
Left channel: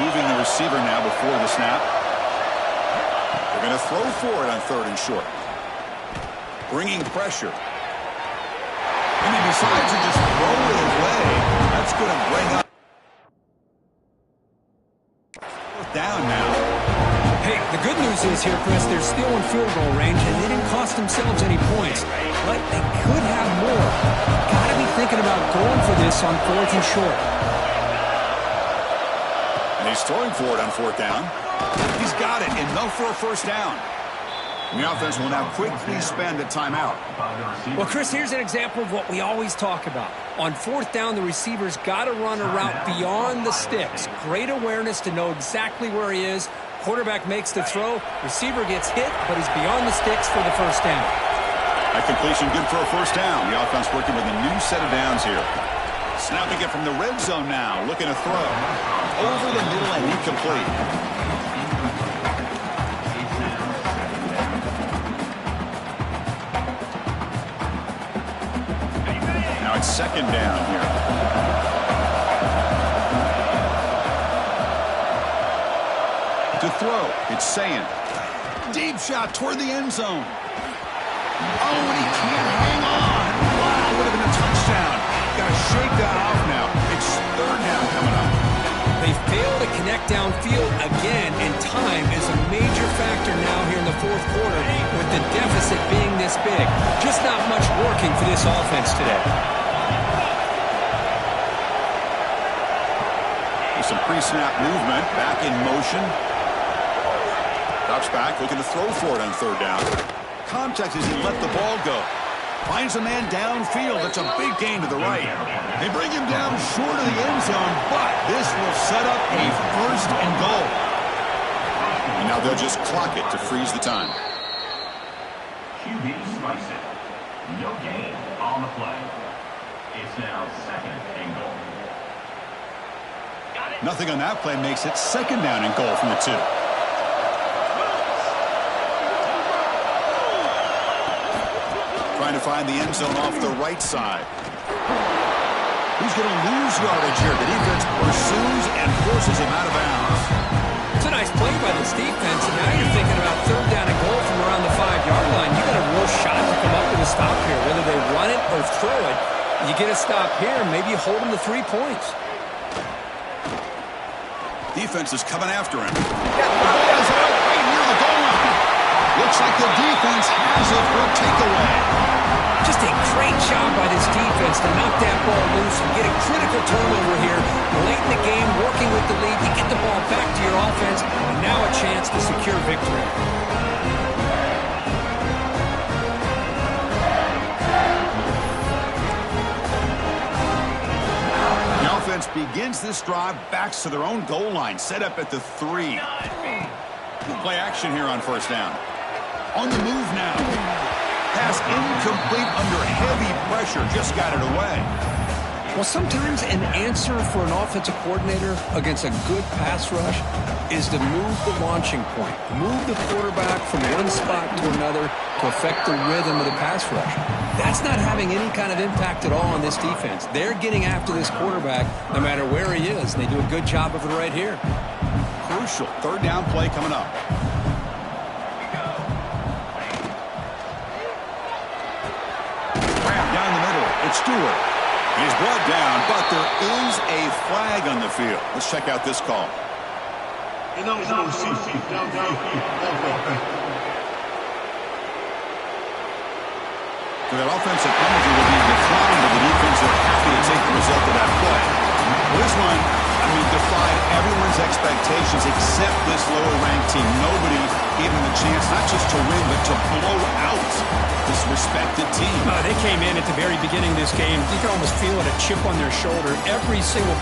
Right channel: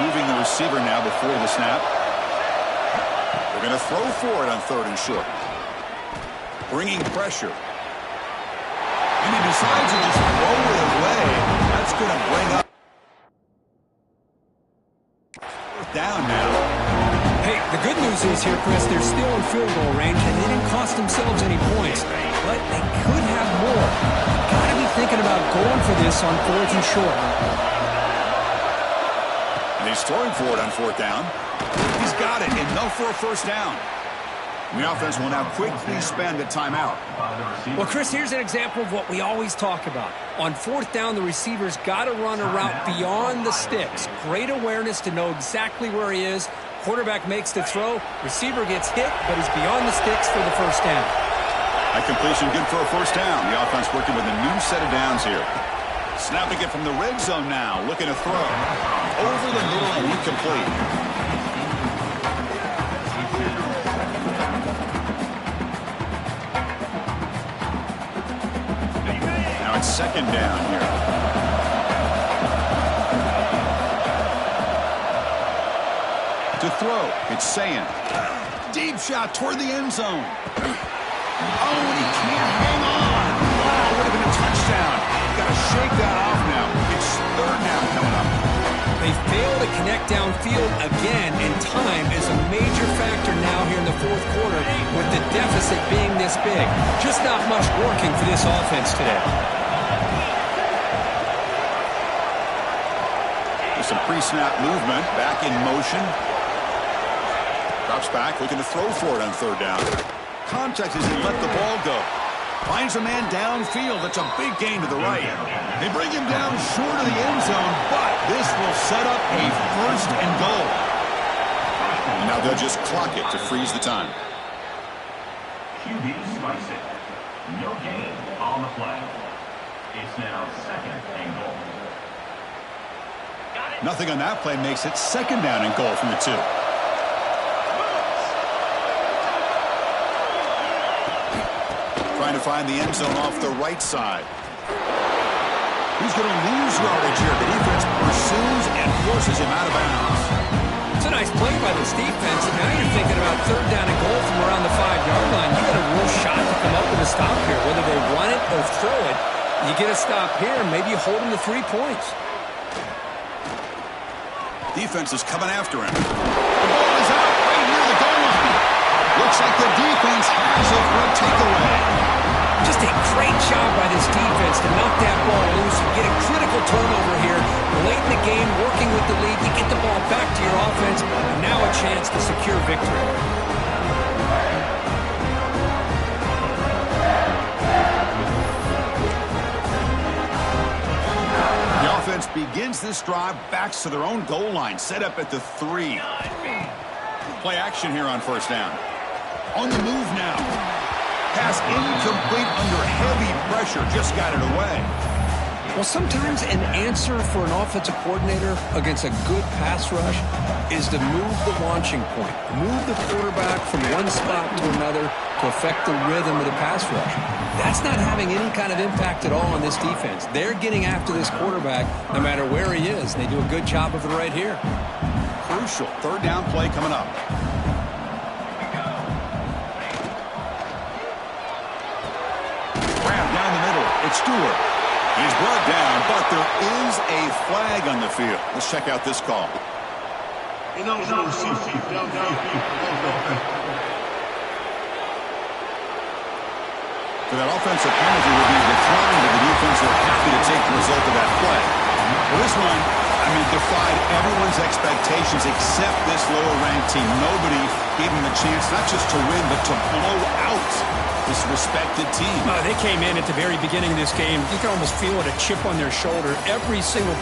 Moving the receiver now before the snap. They're going to throw for it on 3rd and short. Bringing pressure. And he decides to just throw it away. That's going to bring up 4th down now. Hey, the good news is here, Chris, they're still in field goal range, and they didn't cost themselves any points. But they could have more. Got to be thinking about going for this on 4th and short. And he's throwing for it on 4th down. He's got it, enough for a 1st down. And the offense will now quickly spend a timeout. Well, Chris, here's an example of what we always talk about. On 4th down, the receiver's got to run a route beyond the sticks. Great awareness to know exactly where he is. Quarterback makes the throw. Receiver gets hit, but he's beyond the sticks for the 1st down. That completion good for a 1st down. The offense working with a new set of downs here. Snapping it from the red zone now. Looking to throw. Over the middle and incomplete. Now it's 2nd down here. To throw. It's Ncaa. Deep shot toward the end zone. Oh, and he can't hang on. Wow, would have been a touchdown. Got to shake that off now. It's 3rd down coming up. They fail to connect downfield again, and time is a major factor now here in the 4th quarter with the deficit being this big. Just not much working for this offense today. With some pre-snap movement, back in motion. Drops back, looking to throw for it on 3rd down. Contact as he let the ball go. Finds a man downfield. That's a big gain to the right. They bring him down short of the end zone, but this will set up a 1st and goal. And now they'll just clock it to freeze the time. QB spikes it. No gain on the play. It's now 2nd and goal. Nothing on that play makes it 2nd down and goal from the 2. Trying to find the end zone off the right side. He's going to lose yardage here. The defense pursues and forces him out of bounds. It's a nice play by this defense, and now you're thinking about 3rd down and goal from around the 5-yard line. You got a real shot to come up with a stop here. Whether they run it or throw it, You get a stop here, maybe you hold him to 3 points. Defense is coming after him. The ball is out right near the goal line. Looks like the defense has it for a takeaway. Just a great job by this defense to knock that ball loose and get a critical turnover here. Late in the game, working with the lead, you get the ball back to your offense, and now a chance to secure victory. The offense begins this drive, backs to their own goal line, set up at the 3. Play action here on first down. On the move now. Pass incomplete under heavy pressure. Just got it away. Well, sometimes an answer for an offensive coordinator against a good pass rush is to move the launching point. Move the quarterback from one spot to another to affect the rhythm of the pass rush. That's not having any kind of impact at all on this defense. They're getting after this quarterback no matter where he is. They do a good job of it right here. Crucial third down play coming up. Down the middle, it's Stewart. He's brought down, but there is a flag on the field. Let's check out this call. So that offensive penalty will be declined, but the defense are happy to take the result of that play. Well, this one, defied everyone's expectations except this lower-ranked team. Nobody gave them the chance not just to win, but to blow out this respected team. They came in at the very beginning of this game. You can almost feel it, a chip on their shoulder. Every single